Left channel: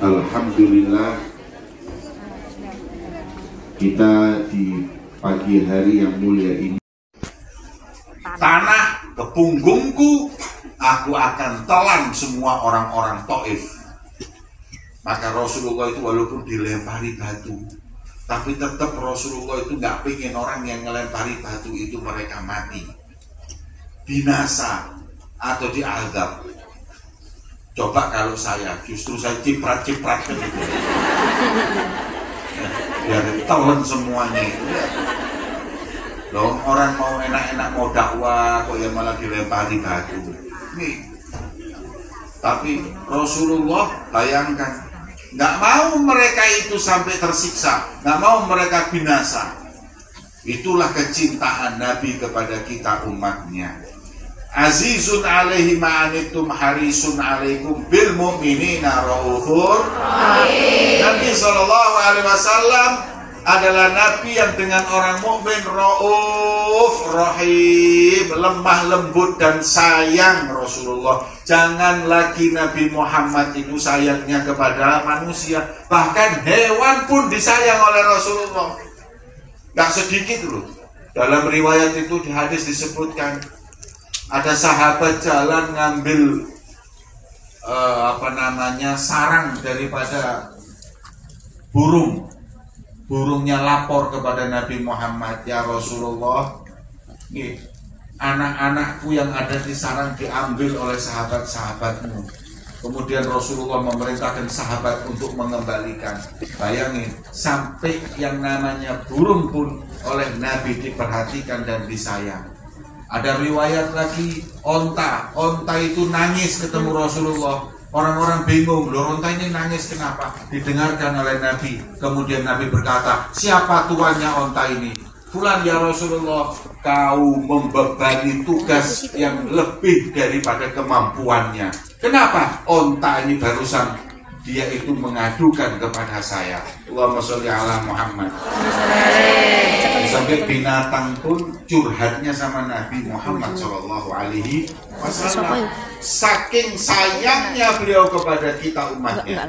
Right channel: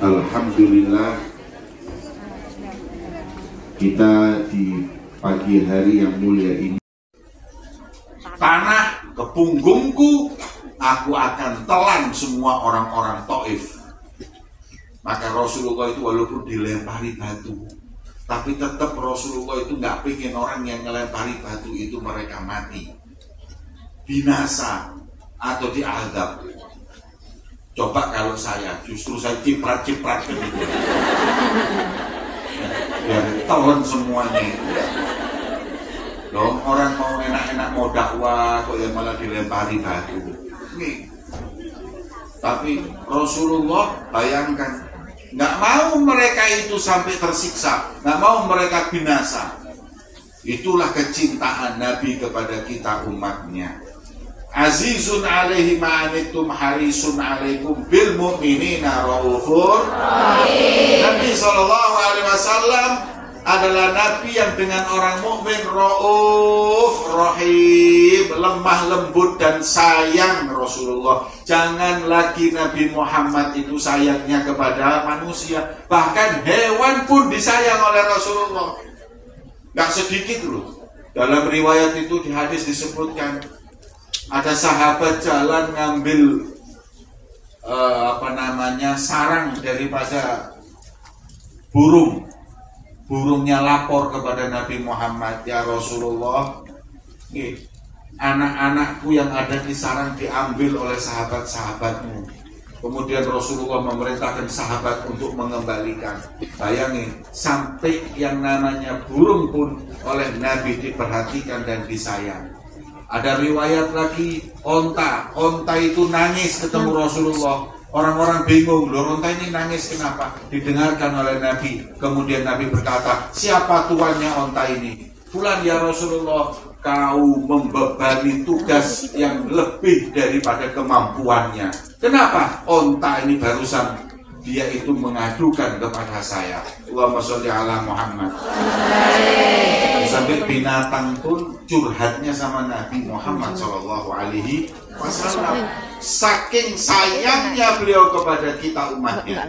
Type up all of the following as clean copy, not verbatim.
Alhamdulillah, kita di pagi hari yang mulia ini, tanah ke punggungku, aku akan telan semua orang-orang Taif. Maka Rasulullah itu walaupun dilempari batu, tapi tetap Rasulullah itu nggak pengen orang yang ngelempari batu itu mereka mati, binasa atau diazab. Coba kalau saya, justru saya ciprat-ciprat gitu, biar telan semuanya. Loh, orang mau enak-enak mau dakwah, kok ya malah dilempari batu. Nih. Tapi Rasulullah bayangkan, nggak mau mereka itu sampai tersiksa, nggak mau mereka binasa. Itulah kecintaan Nabi kepada kita umatnya. Azizun alaihi ma'anitum harisun alaikum bil mu'minina raufur. Nabi SAW adalah Nabi yang dengan orang mukmin rauf rahim, lemah lembut dan sayang Rasulullah. Jangan lagi Nabi Muhammad itu sayangnya kepada manusia, bahkan hewan pun disayang oleh Rasulullah. Gak sedikit loh. Dalam riwayat itu di hadis disebutkan ada sahabat jalan ngambil sarang daripada burung. Burungnya lapor kepada Nabi Muhammad, ya Rasulullah, anak-anakku yang ada di sarang diambil oleh sahabat-sahabatmu. Kemudian Rasulullah memerintahkan sahabat untuk mengembalikan. Bayangin, sampai yang namanya burung pun oleh Nabi diperhatikan dan disayang. Ada riwayat lagi, onta itu nangis ketemu Rasulullah. Orang-orang bingung, loh onta ini nangis kenapa? Didengarkan oleh Nabi. Kemudian Nabi berkata, siapa tuannya onta ini? Fulan ya Rasulullah, kau membebani tugas yang lebih daripada kemampuannya. Kenapa? Onta ini barusan dia itu mengadukan kepada saya. Allahumma sholli ala Muhammad. Sampai binatang pun curhatnya sama Nabi Muhammad SAW. Saking sayangnya beliau kepada kita umatnya,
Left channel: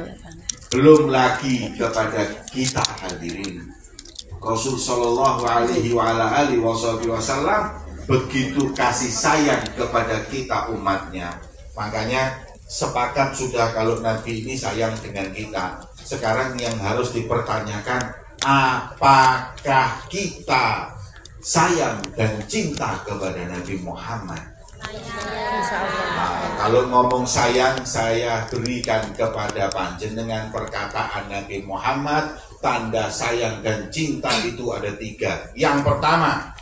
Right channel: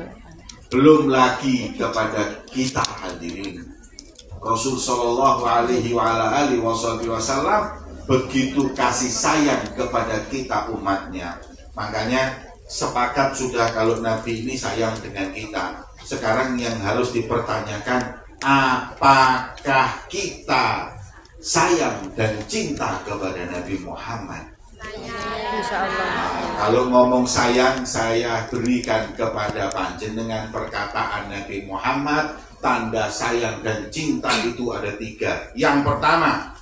belum lagi kepada kita hadirin. Rasul Shallallahu Alaihi Wasallam begitu kasih sayang kepada kita umatnya. Makanya sepakat sudah kalau Nabi ini sayang dengan kita. Sekarang yang harus dipertanyakan, apakah kita sayang dan cinta kepada Nabi Muhammad? Nah, kalau ngomong sayang, saya berikan kepada panjenengan perkataan Nabi Muhammad. Tanda sayang dan cinta itu ada 3. Yang pertama,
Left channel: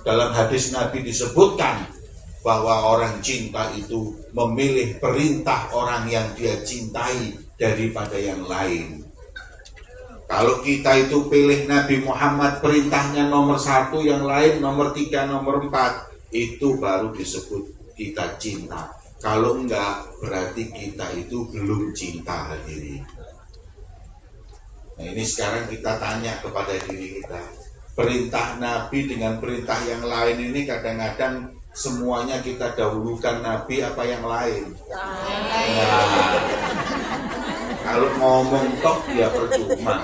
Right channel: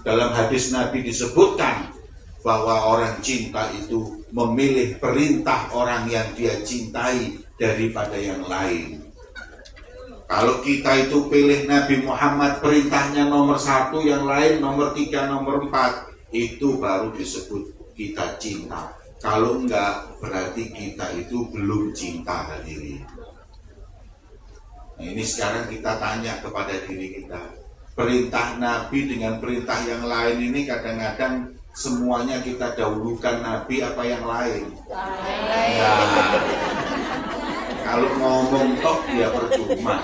dalam hadis Nabi disebutkan bahwa orang cinta itu memilih perintah orang yang dia cintai daripada yang lain. Kalau kita itu pilih Nabi Muhammad, perintahnya nomor 1, yang lain nomor 3, nomor 4, itu baru disebut kita cinta. Kalau enggak, berarti kita itu belum cinta hadirin. Nah, ini sekarang kita tanya kepada diri kita, perintah Nabi dengan perintah yang lain ini kadang-kadang semuanya kita dahulukan Nabi apa yang lain? Nah, kalau ngomong tok ya percuma.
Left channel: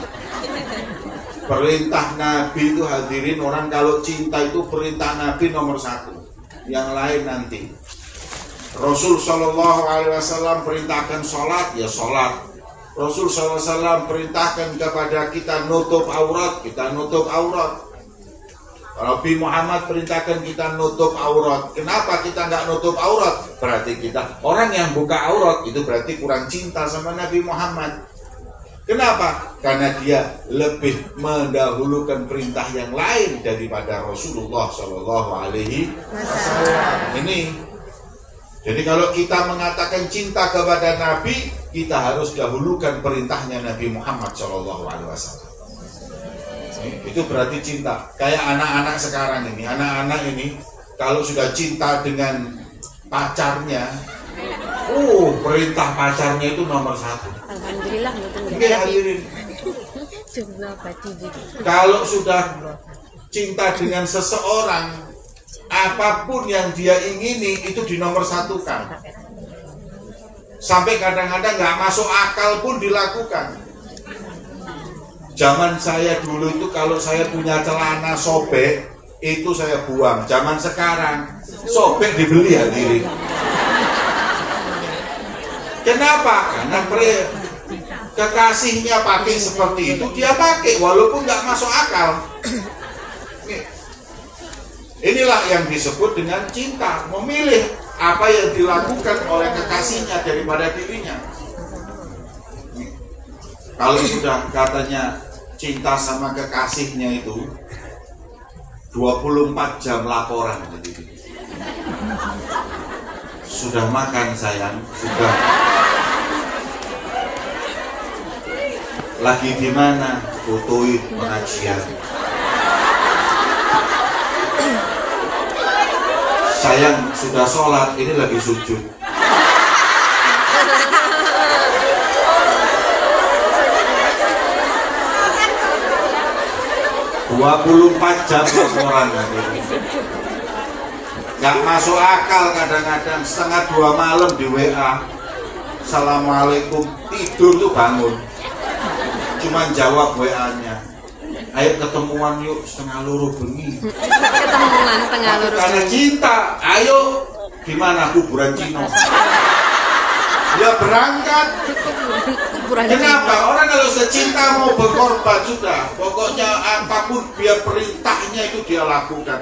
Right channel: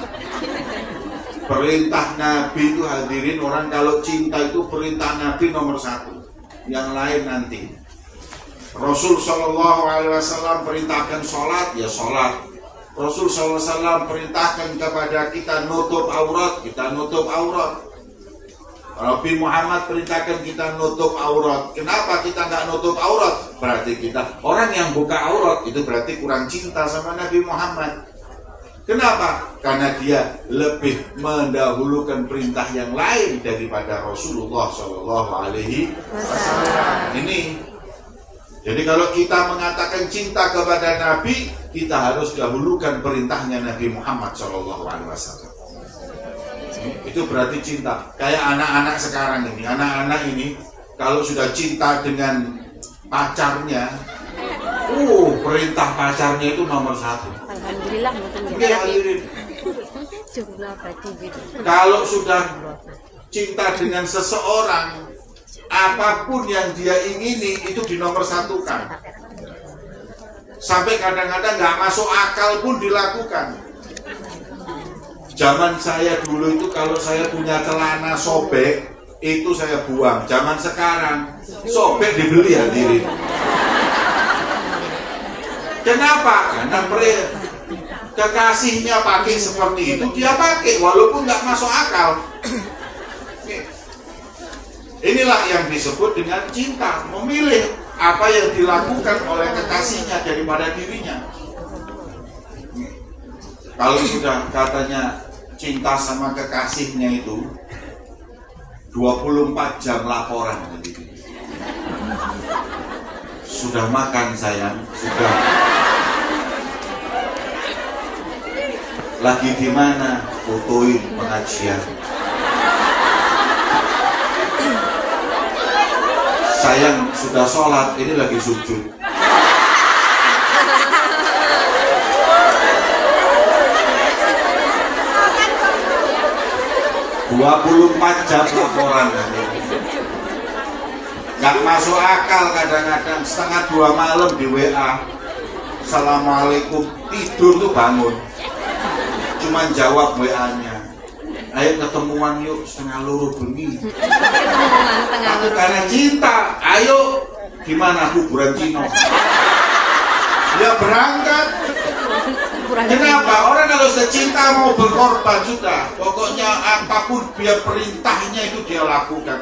Perintah Nabi itu hadirin, orang kalau cinta itu perintah Nabi nomor 1, yang lain nanti. Rasul Shallallahu Alaihi Wasallam perintahkan sholat, ya sholat. Rasul SAW perintahkan kepada kita nutup aurat, kita nutup aurat. Nabi Muhammad perintahkan kita nutup aurat. Kenapa kita nggak nutup aurat? Berarti kita orang yang buka aurat itu berarti kurang cinta sama Nabi Muhammad. Kenapa? Karena dia lebih mendahulukan perintah yang lain daripada Rasulullah Shallallahu Alaihi Wasallam. Ini. Jadi kalau kita mengatakan cinta kepada Nabi, kita harus dahulukan perintahnya Nabi Muhammad SAW. Itu berarti cinta. Kayak anak-anak sekarang ini, anak-anak ini kalau sudah cinta dengan pacarnya, perintah pacarnya itu nomor 1. Alhamdulillah. Kalau sudah cinta dengan seseorang, apapun yang dia ingini itu dinomor 1-kan. Sampai kadang-kadang nggak masuk akal pun dilakukan. Zaman saya dulu itu kalau saya punya celana sobek, itu saya buang. Zaman sekarang, sobek dibeli hadirin. Kenapa? Karena kekasihnya pakai seperti itu, dia pakai walaupun nggak masuk akal. Inilah yang disebut dengan cinta, memilih apa yang dilakukan oleh kekasihnya daripada dirinya. Kalau sudah katanya cinta sama kekasihnya itu 24 jam laporan. Sudah makan sayang, sudah. Lagi di mana? Fotoin pengajian. Sayang sudah sholat, ini lagi sujud. 24 jam laporan. Gak masuk akal kadang-kadang setengah 2 malam di WA. Assalamualaikum, tidur tuh bangun. Cuman jawab WA-nya. Ayo ketemuan yuk setengah luru bengi. Ketemuan setengah luru. Karena cinta, ayo gimana kuburan Cino? Ya berangkat. Kenapa? Orang kalau secinta mau berkorban sudah. Pokoknya apapun dia perintahnya itu dia lakukan.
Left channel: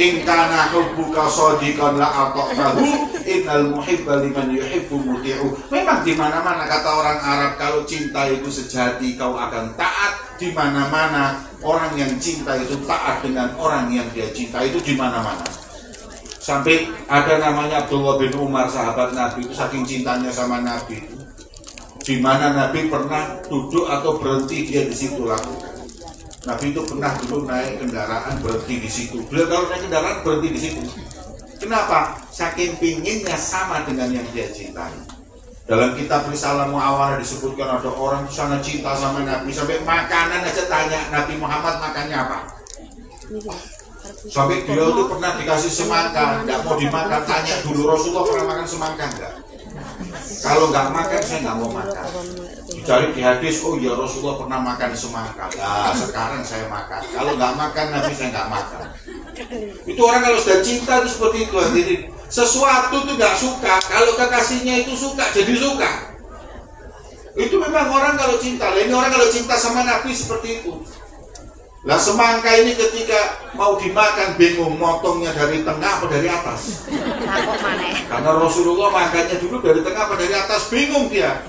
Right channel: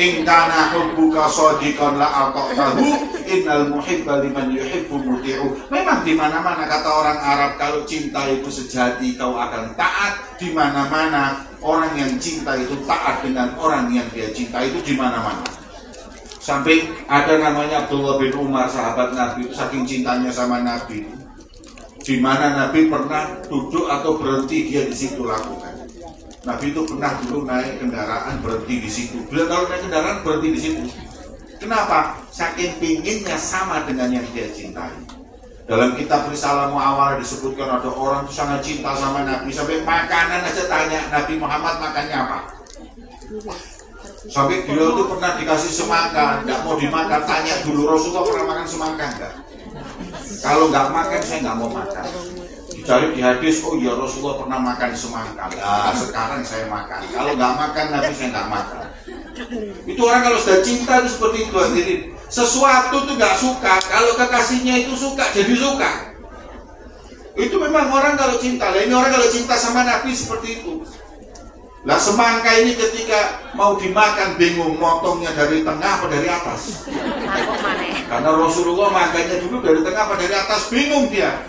In kana hubbuka shadiqan la ata'tahu innal muhibba liman yuhibbu muti'u. Memang di mana-mana kata orang Arab, kalau cinta itu sejati kau akan taat. Di mana-mana orang yang cinta itu taat dengan orang yang dia cinta, itu di mana-mana. Sampai ada namanya Abdullah bin Umar, sahabat Nabi itu, saking cintanya sama Nabi itu, di mana Nabi pernah duduk atau berhenti dia di situ lakukan. Nabi itu pernah dulu naik kendaraan berhenti di situ. Beliau kalau naik kendaraan berhenti di situ. Kenapa? Saking pinginnya sama dengan yang dia cintai. Dalam kitab Risalah Mu'awalah disebutkan ada orang sangat cinta sama Nabi, sampai makanan aja tanya Nabi Muhammad makannya apa. Sampai beliau itu pernah dikasih semangka, nggak mau dimakan, tanya dulu Rasulullah pernah makan semangka enggak? Kalau nggak makan saya nggak mau makan. Dicari di hadis, oh ya Rasulullah pernah makan semangka. Nah sekarang saya makan. Kalau nggak makan Nabi saya nggak makan. Itu orang kalau sudah cinta itu seperti itu. Jadi sesuatu itu nggak suka, kalau kekasihnya itu suka jadi suka. Itu memang orang kalau cinta. Lah ini orang kalau cinta sama Nabi seperti itu. Lah semangka ini ketika mau dimakan bingung motongnya dari tengah apa dari atas. Karena Rasulullah makannya dulu dari tengah apa dari atas, bingung dia.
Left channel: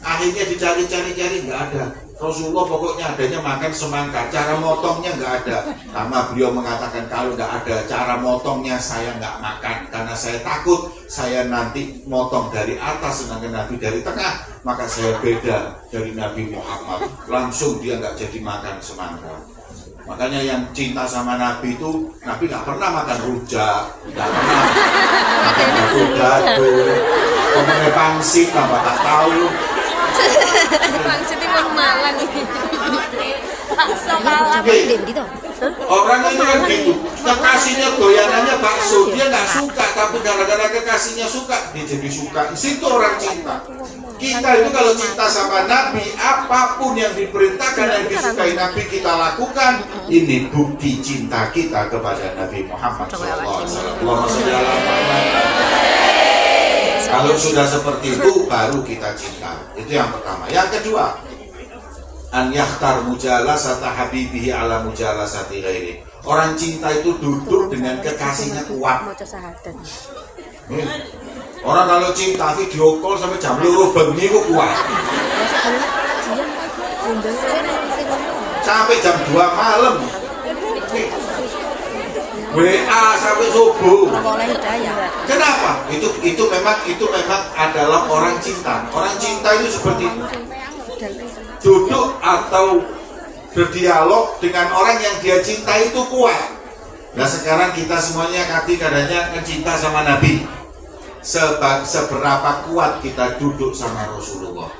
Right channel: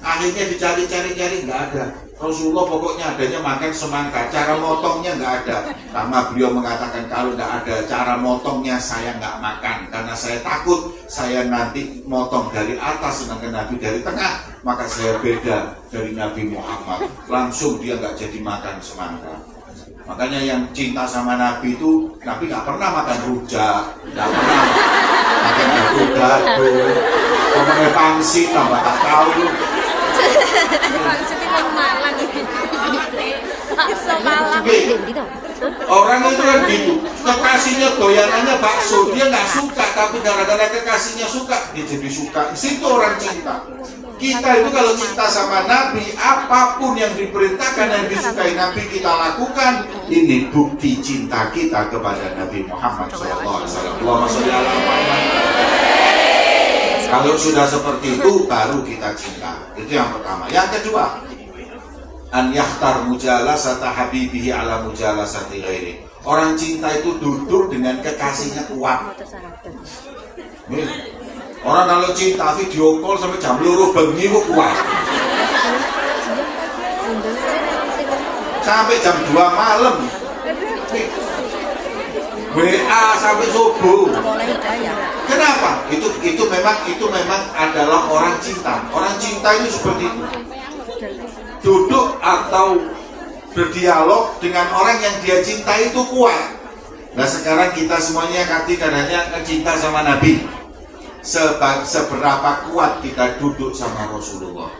Akhirnya dicari-cari nggak ada. Rasulullah pokoknya adanya makan semangka, cara motongnya nggak ada. Karena beliau mengatakan kalau nggak ada cara motongnya saya nggak makan, karena saya takut saya nanti motong dari atas sedangkan Nabi dari tengah, maka saya beda dari Nabi Muhammad. Langsung dia nggak jadi makan semangka. Makanya yang cinta sama Nabi itu, Nabi nggak pernah makan rujak, nggak pernah makan gado-gado, ngomongnya pangsit, tambah tak tahu. Pangsit itu Malang. Orang itu kan gitu, kekasihnya doyanannya bakso, dia nggak suka, tapi gara-gara kekasihnya suka, dia jadi suka. Situ orang cinta. Kita itu kalau cinta sama Nabi, apapun yang diperintahkan dan disukai Nabi kita lakukan. Ini bukti cinta kita kepada Nabi Muhammad SAW. Kalau sudah seperti itu, baru kita cinta. Itu yang pertama. Yang kedua, an yakhtar mujalasata habibihi ala mujalasati ghairi. Orang cinta itu duduk dengan kekasihnya kuat. Orang kalau cinta video call sampai jam 2 bengi kok kuat. Sampai jam 2 malam. WA sampai subuh. Kenapa? Itu memang adalah orang cinta. Orang cinta itu seperti itu. Duduk atau berdialog dengan orang yang dia cinta itu kuat. Nah sekarang kita semuanya kadang-kadang kan cinta sama Nabi. Seberapa kuat kita duduk sama Rasulullah.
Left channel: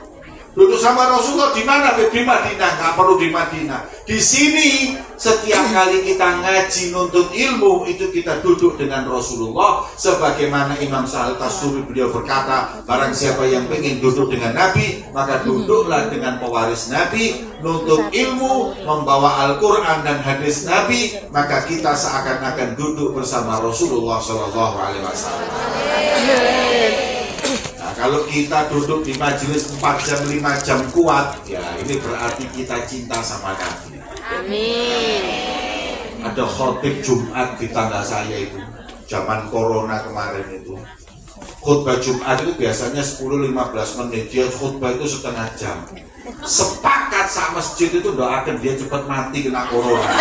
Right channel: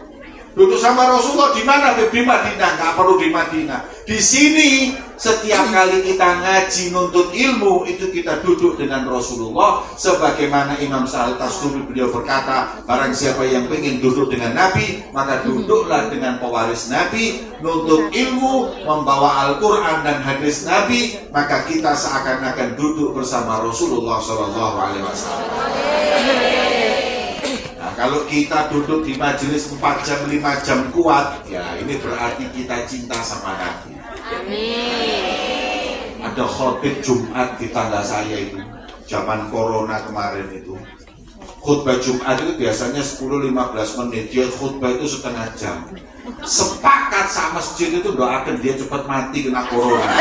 Duduk sama Rasulullah di mana? Di Madinah. Nggak perlu di Madinah. Di sini setiap kali kita ngaji nuntut ilmu itu kita duduk dengan Rasulullah. Sebagaimana Imam Sahal Tasuri beliau berkata, barang siapa yang ingin duduk dengan Nabi, maka duduklah dengan pewaris Nabi, nuntut ilmu, membawa Al-Quran dan hadis Nabi, maka kita seakan-akan duduk bersama Rasulullah SAW. Nah, kalau kita duduk di majelis 4 jam 5 jam kuat, ya ini berarti kita cinta sama Nabi. Ada khotib Jumat di tangga saya itu, zaman corona kemarin itu. Khutbah Jumat itu biasanya 10-15 menit, dia khutbah itu setengah jam. Sepakat sama masjid itu doakan dia cepat mati kena corona.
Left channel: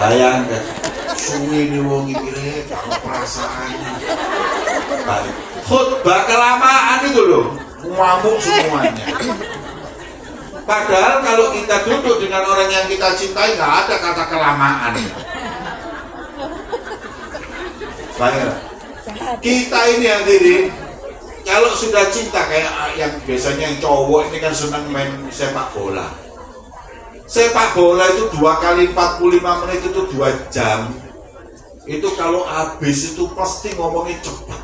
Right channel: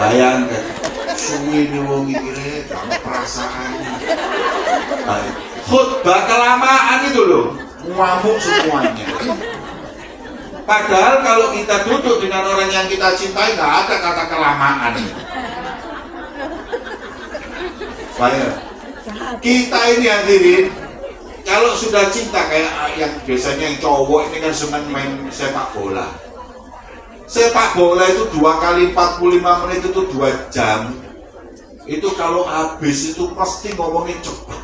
Bayangkan, suwi nih wong iki jangan perasaannya. Nah, khutbah kelamaan itu loh, ngamuk semuanya. Padahal kalau kita duduk dengan orang yang kita cintai nggak ada kata kelamaan. Baik, kita ini hadirin, kalau sudah cinta kayak yang biasanya yang cowok ini kan senang main sepak bola. Sepak bola itu 2 kali 45 menit itu 2 jam. Itu kalau habis itu pasti ngomongnya cepet.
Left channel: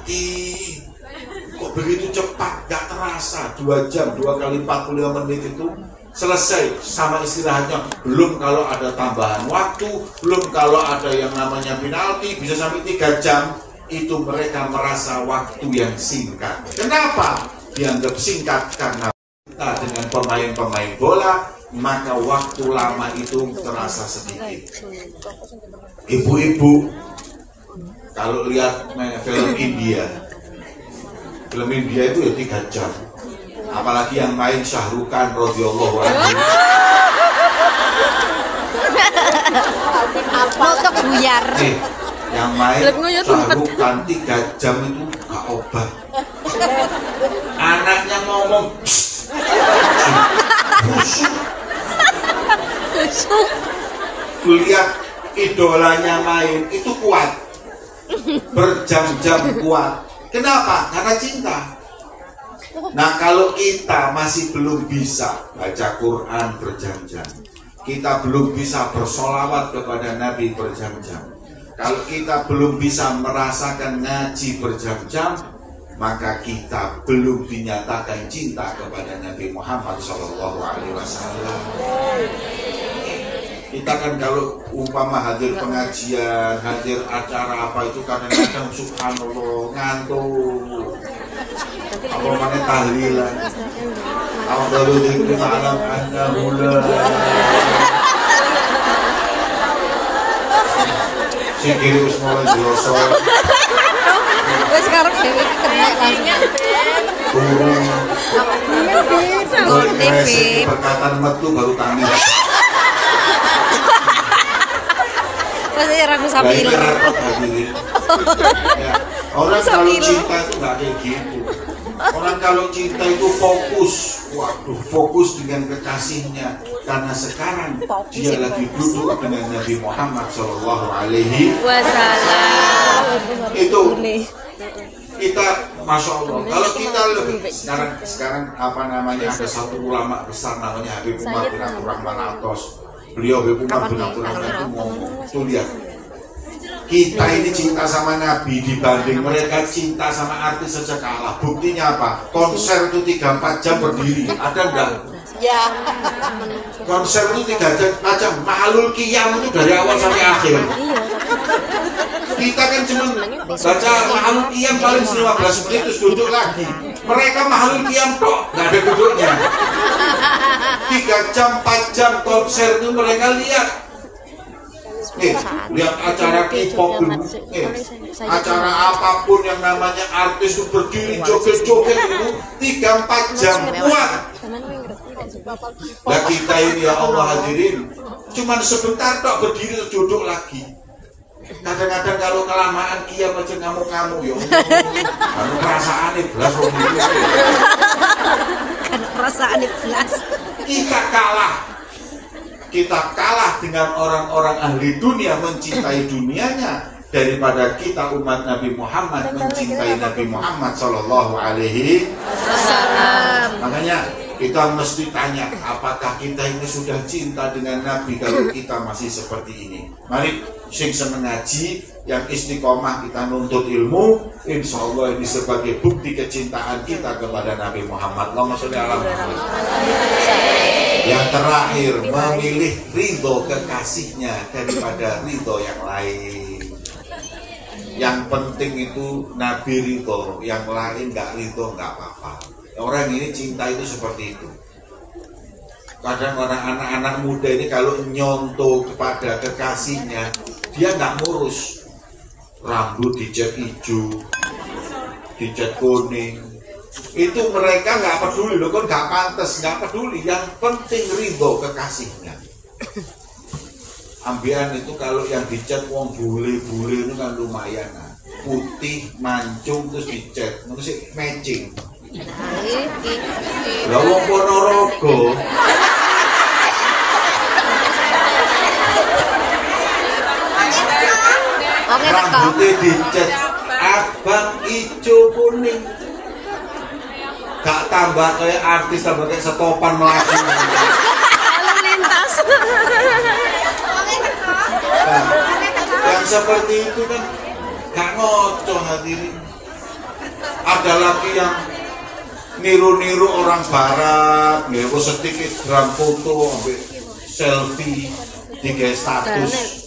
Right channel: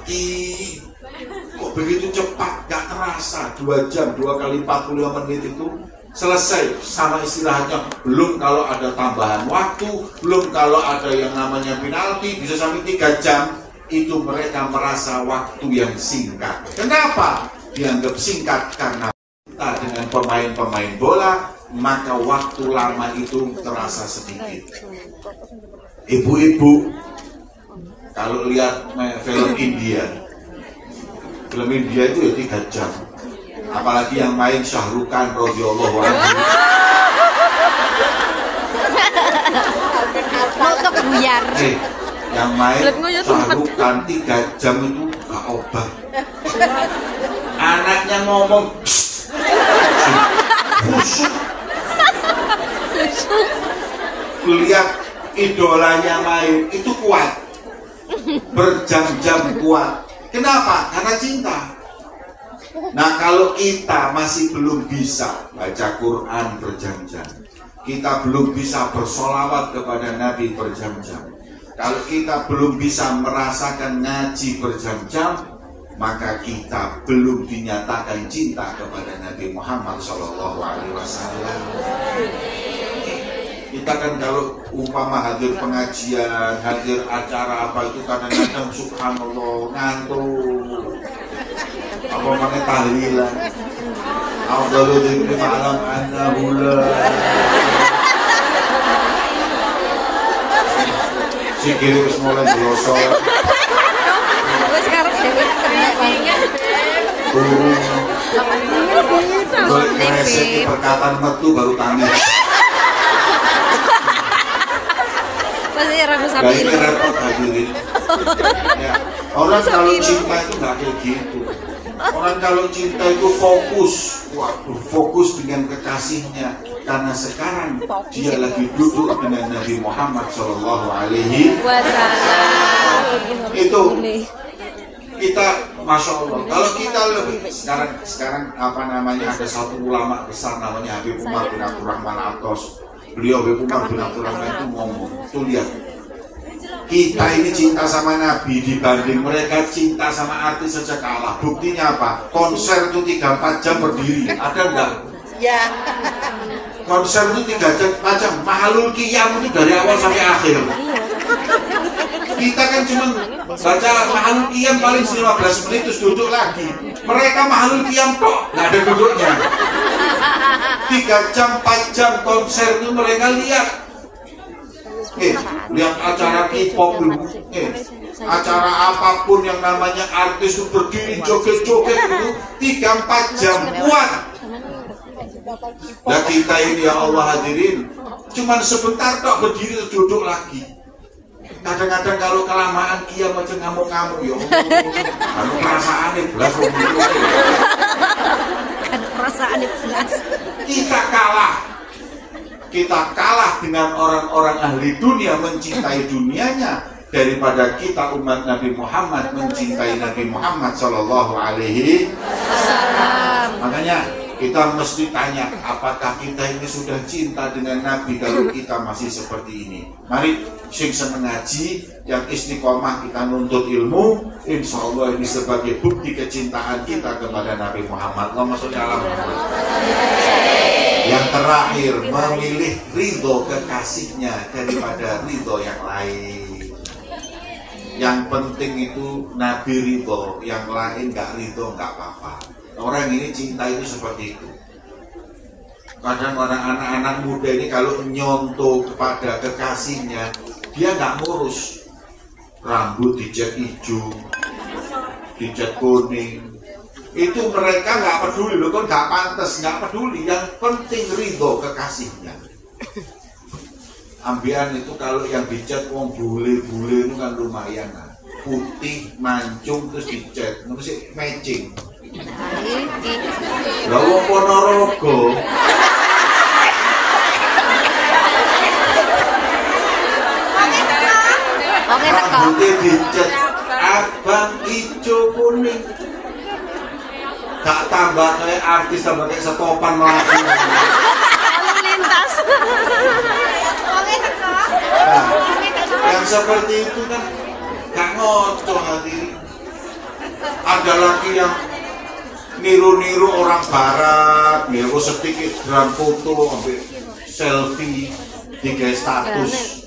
Kok begitu cepat, gak terasa. 2 jam, 2 kali 45 menit itu selesai sama istilahnya. Belum kalau ada tambahan waktu, belum kalau ada yang namanya penalti, bisa sampai 3 jam. Itu mereka merasa waktu yang singkat. Kenapa? Dianggap singkat karena kita dengan pemain-pemain bola, maka waktu lama itu terasa sedikit. Ibu-ibu, kalau lihat film India itu ya 3 jam. Apalagi yang main Syahrukan radhiyallahu anhu. Motok buyar. Yang main Syahrukan 3 jam itu gak obat. Anaknya ngomong busuk. Lihat idolanya main itu kuat. Berjam-jam kuat. Kenapa? Karena cinta. Nah, kalau kita masih belum bisa baca Quran berjam-jam, kita belum bisa bersolawat kepada Nabi berjam-jam, kalau kita belum bisa merasakan ngaji berjam-jam, maka kita belum dinyatakan cinta kepada Nabi Muhammad SAW. Kita kan kalau umpama hadir pengajian, hadir acara apa itu kadang-kadang subhanallah ngantuk. Apa mana tahlilan? Afdalu dzikri ma'lam annahu la. Sikir wis mulai dosa. Wis karep dhewe iki perkataan metu baru tangan. Ya, orang kalau cinta itu nggak kayak gitu. Orang kalau cinta itu fokus, waduh, fokus dengan kekasihnya. Karena sekarang dia lagi duduk dengan Nabi Muhammad Shallallahu Alaihi Wasallam. Itu kita, masya Allah. Kalau kita lebih sekarang apa namanya, ada satu ulama besar namanya Habib Umar bin Abdurrahman Atos. Beliau Habib Umar bin Abdurrahman itu ngomong, tuh lihat. Kita ini cinta sama Nabi dibanding mereka cinta sama artis saja kalah. Buktinya apa? Konser itu 3-4 jam berdiri. Ada enggak? Ya. Konser itu 3-4 jam. Mahlul Qiyam itu dari awal sampai akhir. Kita kan cuma baca Mahlul Qiyam paling 15 menit terus duduk lagi. Mereka Mahlul Qiyam kok nggak ada duduknya. 3 jam 4 jam konser itu mereka lihat. Lihat acara K-pop dulu, acara apapun yang namanya artis itu berdiri joget-joget dulu 3-4 jam kuat. Nah kita ini ya Allah hadirin, cuman sebentar kok berdiri duduk lagi. Kadang-kadang kalau kelamaan kiam aja ngamuk-ngamuk ya. Lalu perasaan belas perasaan belas. Kita kalah dengan orang-orang ahli dunia, mencintai dunianya. daripada kita umat Nabi Muhammad mencintai Nabi Muhammad Sallallahu Alaihi Wasallam. Makanya kita mesti tanya, apakah kita ini sudah cinta dengan Nabi kalau kita masih seperti ini? Mari sing seneng ngaji, yang istiqomah kita nuntut ilmu, insya Allah ini sebagai bukti kecintaan kita kepada Nabi Muhammad. Allahumma sholli ala Muhammad. Yang terakhir, memilih ridho kekasihnya daripada ridho yang lain. Yang penting itu Nabi ridho, yang lain nggak ridho nggak apa-apa. Orang ini cinta itu seperti itu. Kadang orang anak-anak muda ini kalau nyontoh kepada kekasihnya, dia nggak ngurus. Rambut dicat hijau, dicat kuning, itu mereka nggak peduli loh, kan nggak pantas, nggak peduli. Yang penting ridho kekasihnya. Ambian itu kalau yang dicat wong bule-bule itu kan lumayan lah. Putih, mancung, terus dicat, terus matching. Lah wong Ponorogo rambutnya dicat abang, hijau, kuning, gak tambah kayak artis, tambah kayak setopan lagi. Nah, yang seperti itu kan gak ngocok hadirin. Ada lagi yang niru-niru orang barat, niru sedikit drum foto, selfie, tiga status.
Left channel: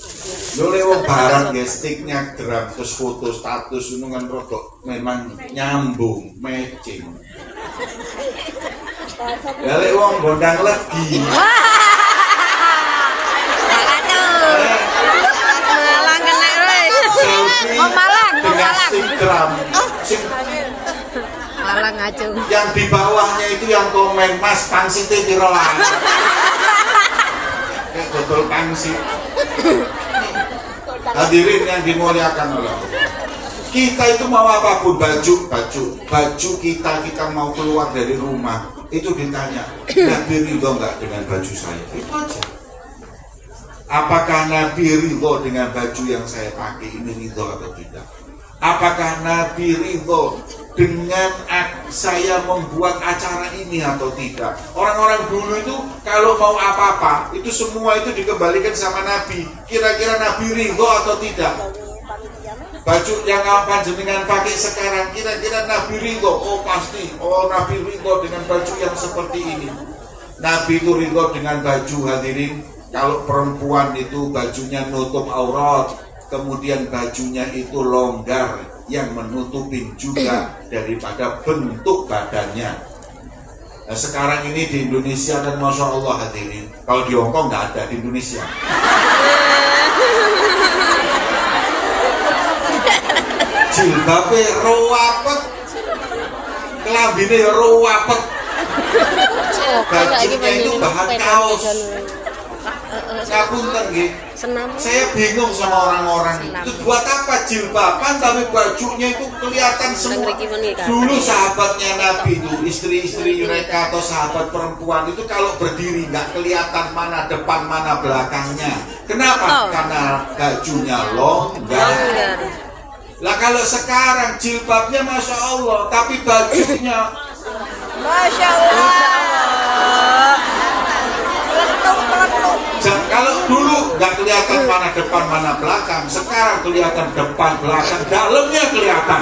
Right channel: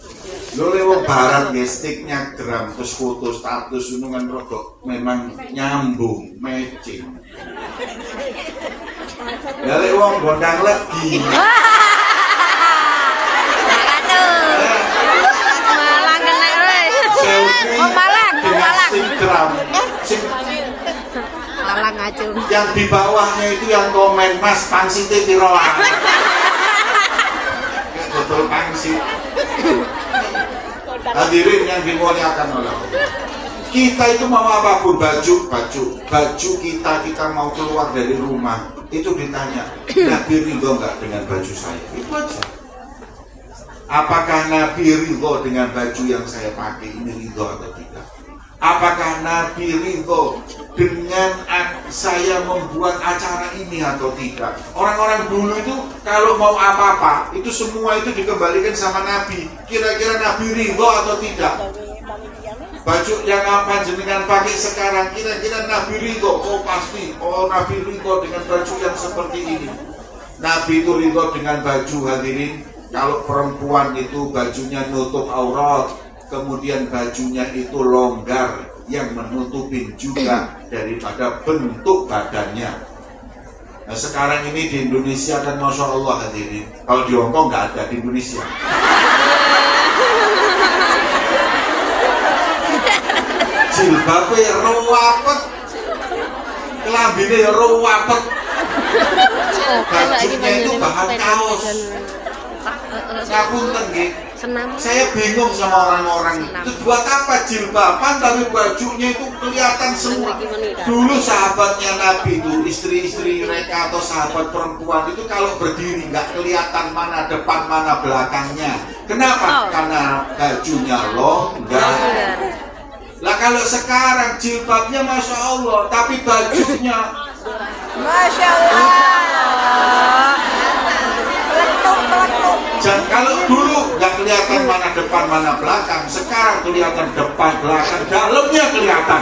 Lu lewat barat ya, sticknya gram, terus foto status itu kan rodok memang nyambung, matching. Ya lek wong gondang lagi. Malang kena wis. Wong Malang. Instagram. Malang aja. Yang di bawahnya itu yang komen, Mas pangsite tiroan. Kayak betul pangsit. Hadirin yang dimuliakan oleh Allah, kita itu mau apapun, baju kita mau keluar dari rumah itu ditanya, Nabi ridho nggak dengan baju saya? Itu aja. Apakah Nabi ridho dengan baju yang saya pakai ini ridho atau tidak? Apakah Nabi ridho dengan saya membuat acara ini atau tidak? Orang-orang dulu itu kalau mau apa-apa itu semua itu dikembalikan sama Nabi. Kira-kira Nabi ridho atau tidak? Baju yang apa jenengan pakai sekarang, kira-kira Nabi ridho? Oh pasti, oh Nabi ridho dengan baju yang seperti ini. Nabi itu ridho dengan baju, hadirin. Kalau perempuan itu bajunya nutup aurat, kemudian bajunya itu longgar yang menutupin juga daripada bentuk badannya. Nah, sekarang ini di Indonesia dan Masya Allah hadirin, kalau di Hongkong nggak ada, di Indonesia. Jilbabnya rawapet, kelambine rawapet, bajunya itu bahan kaos. Ngapunten nggih. Saya bingung sama orang-orang itu buat apa jilbaban tapi bajunya itu kelihatan semua. Dulu sahabatnya Nabi itu, istri-istri mereka atau sahabat perempuan itu kalau berdiri nggak kelihatan mana depan mana belakangnya. Kenapa? Karena bajunya longgar. Lah kalau sekarang jilbabnya Masya Allah, tapi bajunya Masya Allah. Dan kalau dulu nggak kelihatan mana depan mana belakang, sekarang kelihatan depan belakang, dalamnya kelihatan.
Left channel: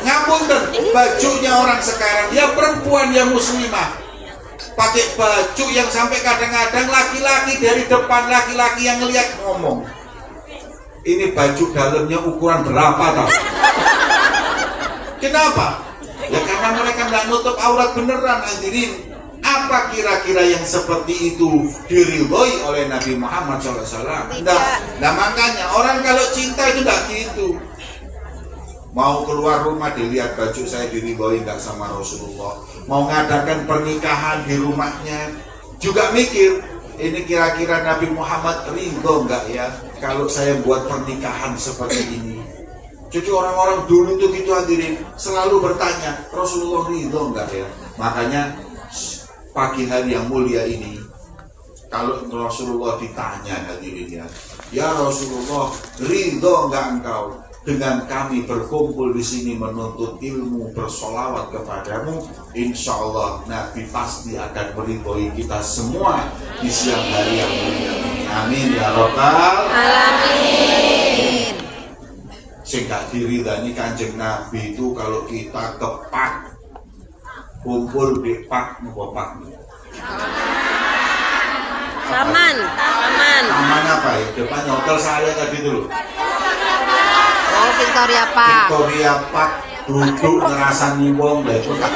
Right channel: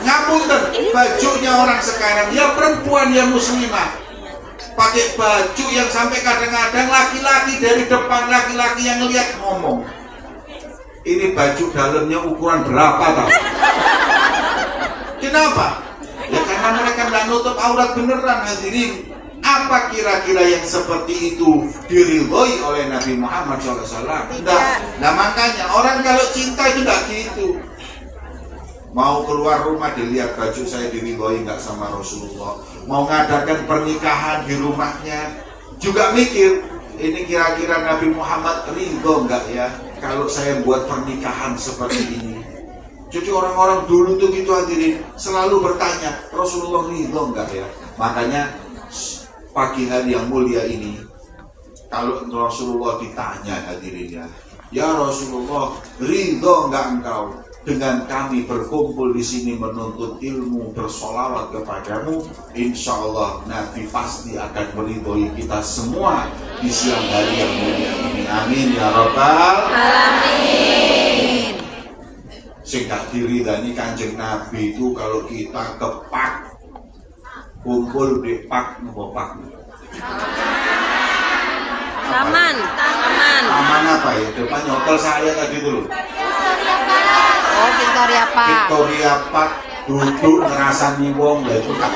Ngapunten, bajunya orang sekarang, ya perempuan ya muslimah, pakai baju yang sampai kadang-kadang laki-laki dari depan, laki-laki yang ngelihat ngomong, ini baju dalamnya ukuran berapa tau? Kenapa? Ya karena mereka nggak nutup aurat beneran hadirin. Apa kira-kira yang seperti itu diridhoi oleh Nabi Muhammad SAW? Enggak. Nah makanya orang kalau cinta itu enggak gitu. Mau keluar rumah dilihat baju saya diridhoi enggak sama Rasulullah. Mau ngadakan pernikahan di rumahnya juga mikir, ini kira-kira Nabi Muhammad ridho enggak ya kalau saya buat pernikahan seperti ini. Jadi orang-orang dulu tuh gitu hadirin selalu bertanya, Rasulullah ridho enggak ya? Makanya pagi hari yang mulia ini Kalau Rasulullah ditanya hadirin ya Rasulullah, ridho enggak engkau dengan kami berkumpul di sini menuntut ilmu, bersolawat kepadamu? Insya Allah Nabi pasti akan meridhoi kita semua di siang hari yang mulia ini. Amin ya Rabbal alamin. Sing gak diridani Kanjeng Nabi itu kalau kita kepak kumpul di pak nopo pak. Aman. Aman apa ya? Depannya hotel saya tadi dulu. Oh, Victoria Park. Victoria Park, duduk ngerasani wong lah itu kan.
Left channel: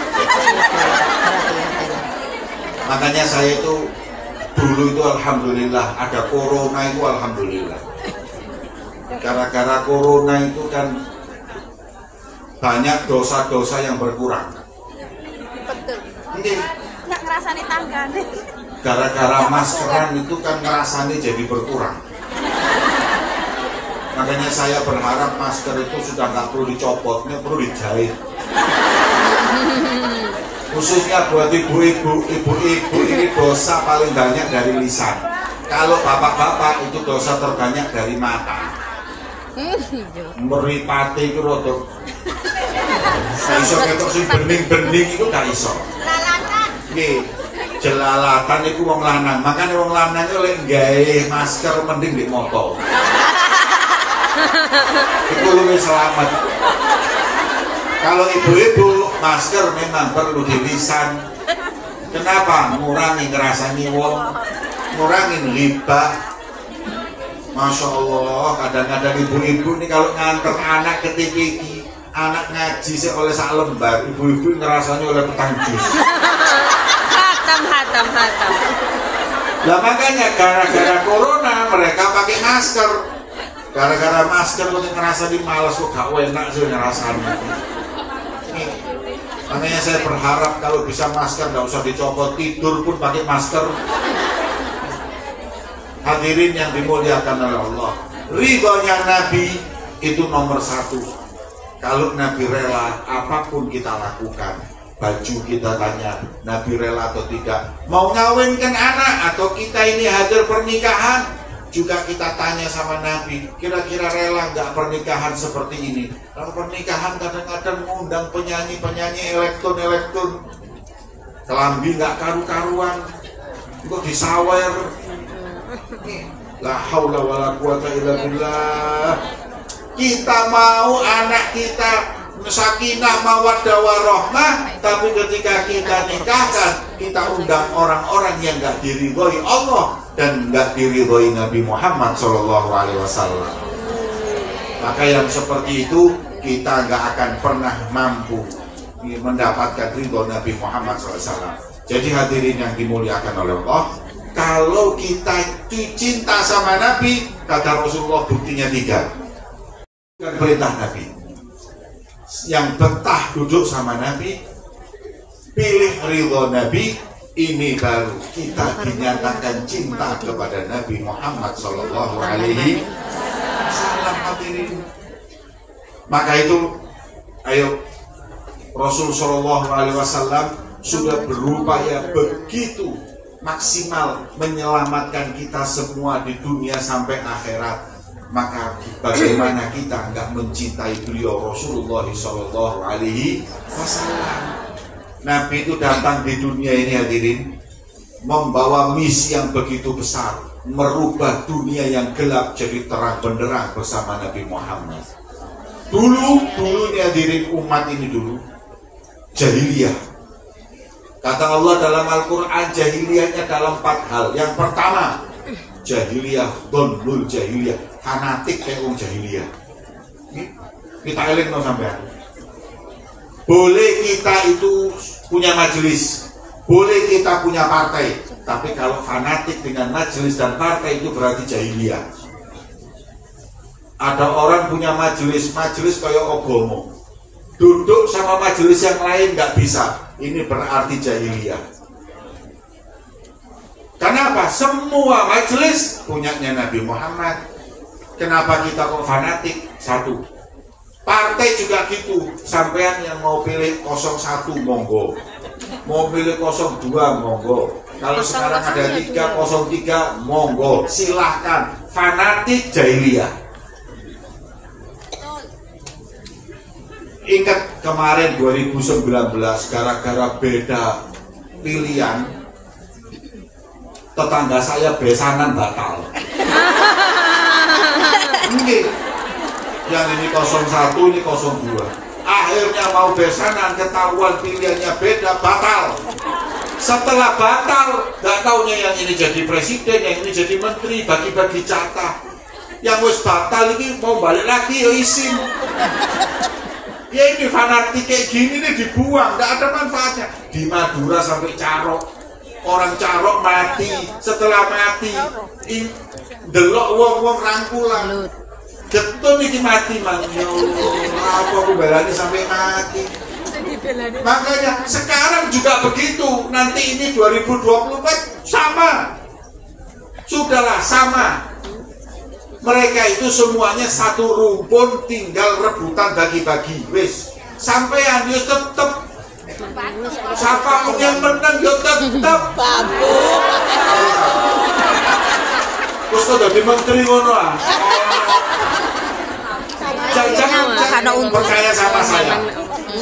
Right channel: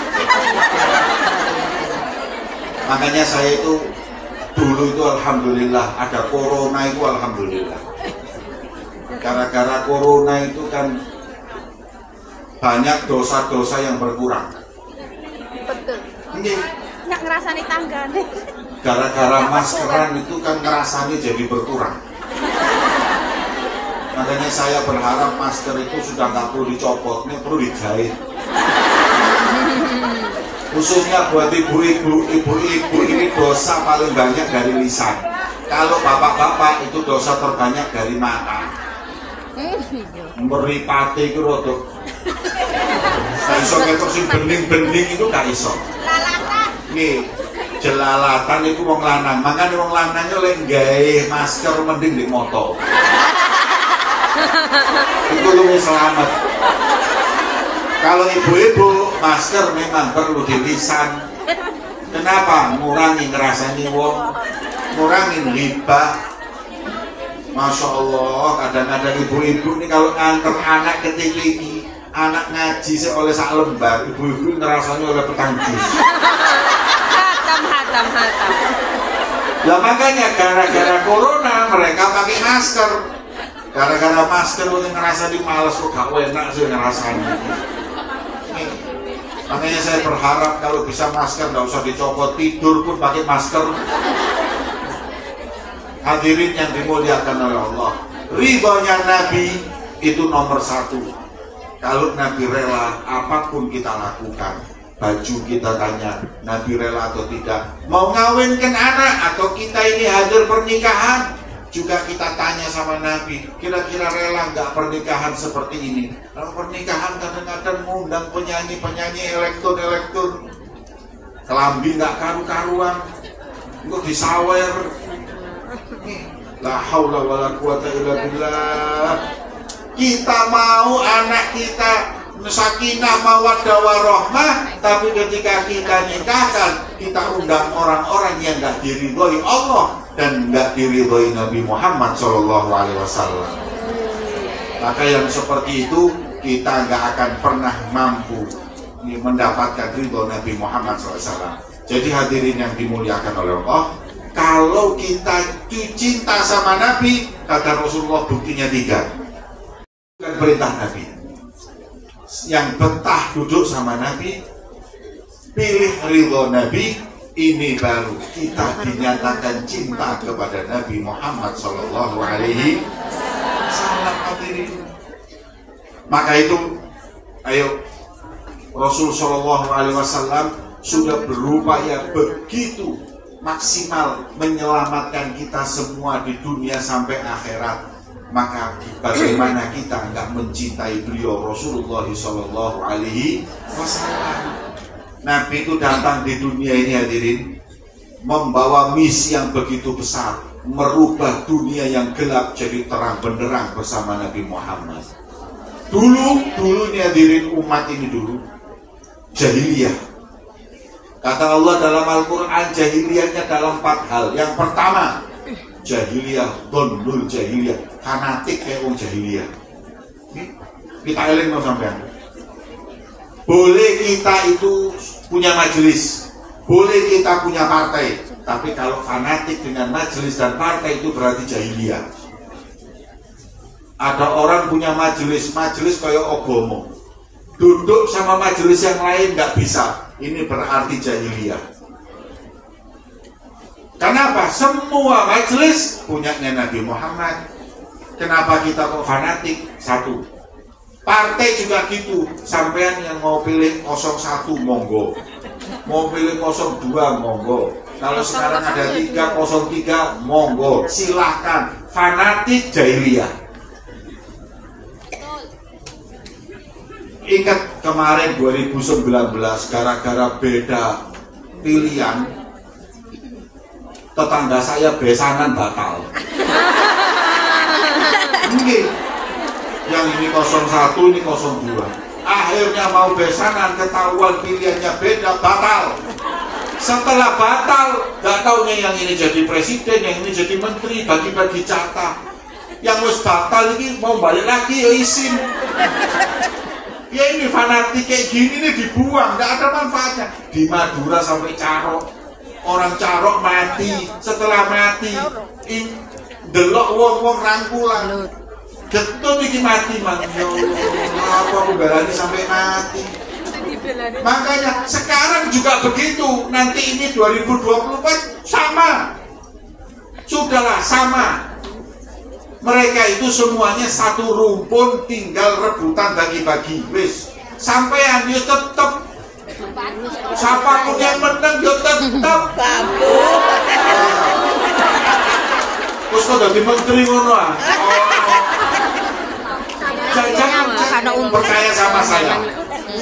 Makanya saya itu dulu itu alhamdulillah ada corona itu alhamdulillah. Gara-gara corona itu kan banyak dosa-dosa yang berkurang. Ini Nggak ngerasani tangga. gara-gara maskeran itu kan ngerasani jadi berkurang. Makanya saya berharap masker itu sudah nggak perlu dicopot, ini perlu dijahit. Khususnya buat ibu-ibu ini dosa paling banyak dari lisan. Kalau bapak-bapak itu dosa terbanyak dari mata. Meripati itu rotok. Nah, iso ketok sing bening-bening itu gak iso. Nih, jelalatan itu wong lanang. Makanya wong lanangnya oleh gawe masker mending di moto. Itu lebih selamat. Kalau ibu-ibu masker memang perlu di lisan. Kenapa? Ngurangi ngerasani wong, ngurangin ghibah. Masya Allah, kadang-kadang ibu-ibu nih kalau nganter anak ke TPI, anak ngaji oleh sak lembar, ibu-ibu ngerasani oleh petang jus. Hatam. Nah makanya gara-gara corona mereka pakai masker. Gara-gara masker lu ngerasa di malas tuh gak enak sih ngerasanya. Makanya saya berharap kalau bisa masker nggak usah dicopot, tidur pun pakai masker. Hadirin yang dimuliakan oleh Allah, ridhonya Nabi itu nomor satu. Kalau Nabi rela apapun kita lakukan. Baju kita tanya Nabi rela atau tidak. Mau ngawinkan anak atau kita ini hadir pernikahan, juga kita tanya sama Nabi, kira-kira rela nggak pernikahan seperti ini? Kalau pernikahan kadang-kadang ngundang penyanyi elektron, kelambi nggak karu-karuan, untuk disawer. La haula wala quwata illa billah. Kita mau anak kita sakinah mawaddah warahmah, tapi ketika kita nikahkan, kita undang orang-orang yang nggak diridhoi Allah dan nggak diridhoi Nabi Muhammad SAW. Maka yang seperti itu kita nggak akan pernah mampu mendapatkan ridho Nabi Muhammad SAW. Jadi hadirin yang dimuliakan oleh Allah, kalau kita cinta sama Nabi, kata Rasulullah buktinya 3. Bukan perintah Nabi. Yang betah duduk sama Nabi, pilih ridho Nabi, ini baru kita dinyatakan cinta kepada Nabi Muhammad Sallallahu Alaihi Wasallam. Maka itu, ayo Rasul Sallallahu Alaihi Wasallam sudah berupaya begitu maksimal menyelamatkan kita semua di dunia sampai akhirat. Maka bagaimana kita nggak mencintai beliau Rasulullah Sallallahu Alaihi Wasallam? Nabi itu datang di dunia ini hadirin membawa misi yang begitu besar, merubah dunia yang gelap jadi terang benderang bersama Nabi Muhammad. Dulu nih hadirin, umat ini dulu jahiliyah. Kata Allah dalam Al-Quran, jahiliyahnya dalam 4 hal. Yang pertama, jahiliyah, dhonnul jahiliyah, fanatik kayak orang jahiliyah. Kita eling no sampean. Boleh kita itu punya majelis, boleh kita punya partai, tapi kalau fanatik dengan majelis dan partai itu berarti jahiliyah. Ada orang punya majelis kayak ogomo, duduk sama majelis yang lain nggak bisa, ini berarti jahiliyah. Kenapa? Semua majelis punyanya Nabi Muhammad. Kenapa kita kok fanatik? 1. Partai juga gitu. Sampean yang mau pilih 01 monggo, mau pilih 02 monggo, Kalau sekarang ada 303, monggo silahkan. Fanatik jahiliyah. Ingat kemarin 2019 gara-gara beda pilihan, tetangga saya besanan batal. Ini yang ini 01, ini 02. Akhirnya mau besanan, ketahuan pilihannya beda, batal. Setelah batal, gak taunya yang ini jadi presiden, yang ini jadi menteri, bagi-bagi jatah. Yang wis batal ini mau balik lagi, ya izin. Ya ini fanatik kayak gini nih dibuang, gak ada manfaatnya. Di Madura sampai Carok, orang Carok mati, setelah mati, delok wong-wong rangkulan. Getun iki mati man, ya Allah, apa belani sampai mati. Makanya sekarang juga begitu. Nanti ini 2024 sama. Sudahlah sama. Mereka itu semuanya satu rumpun, tinggal rebutan bagi-bagi. Wis, sampean yo tetep. Siapapun yang menang yo tetep. Terus kok jadi menteri ngono ah. Jangan percaya sama saya.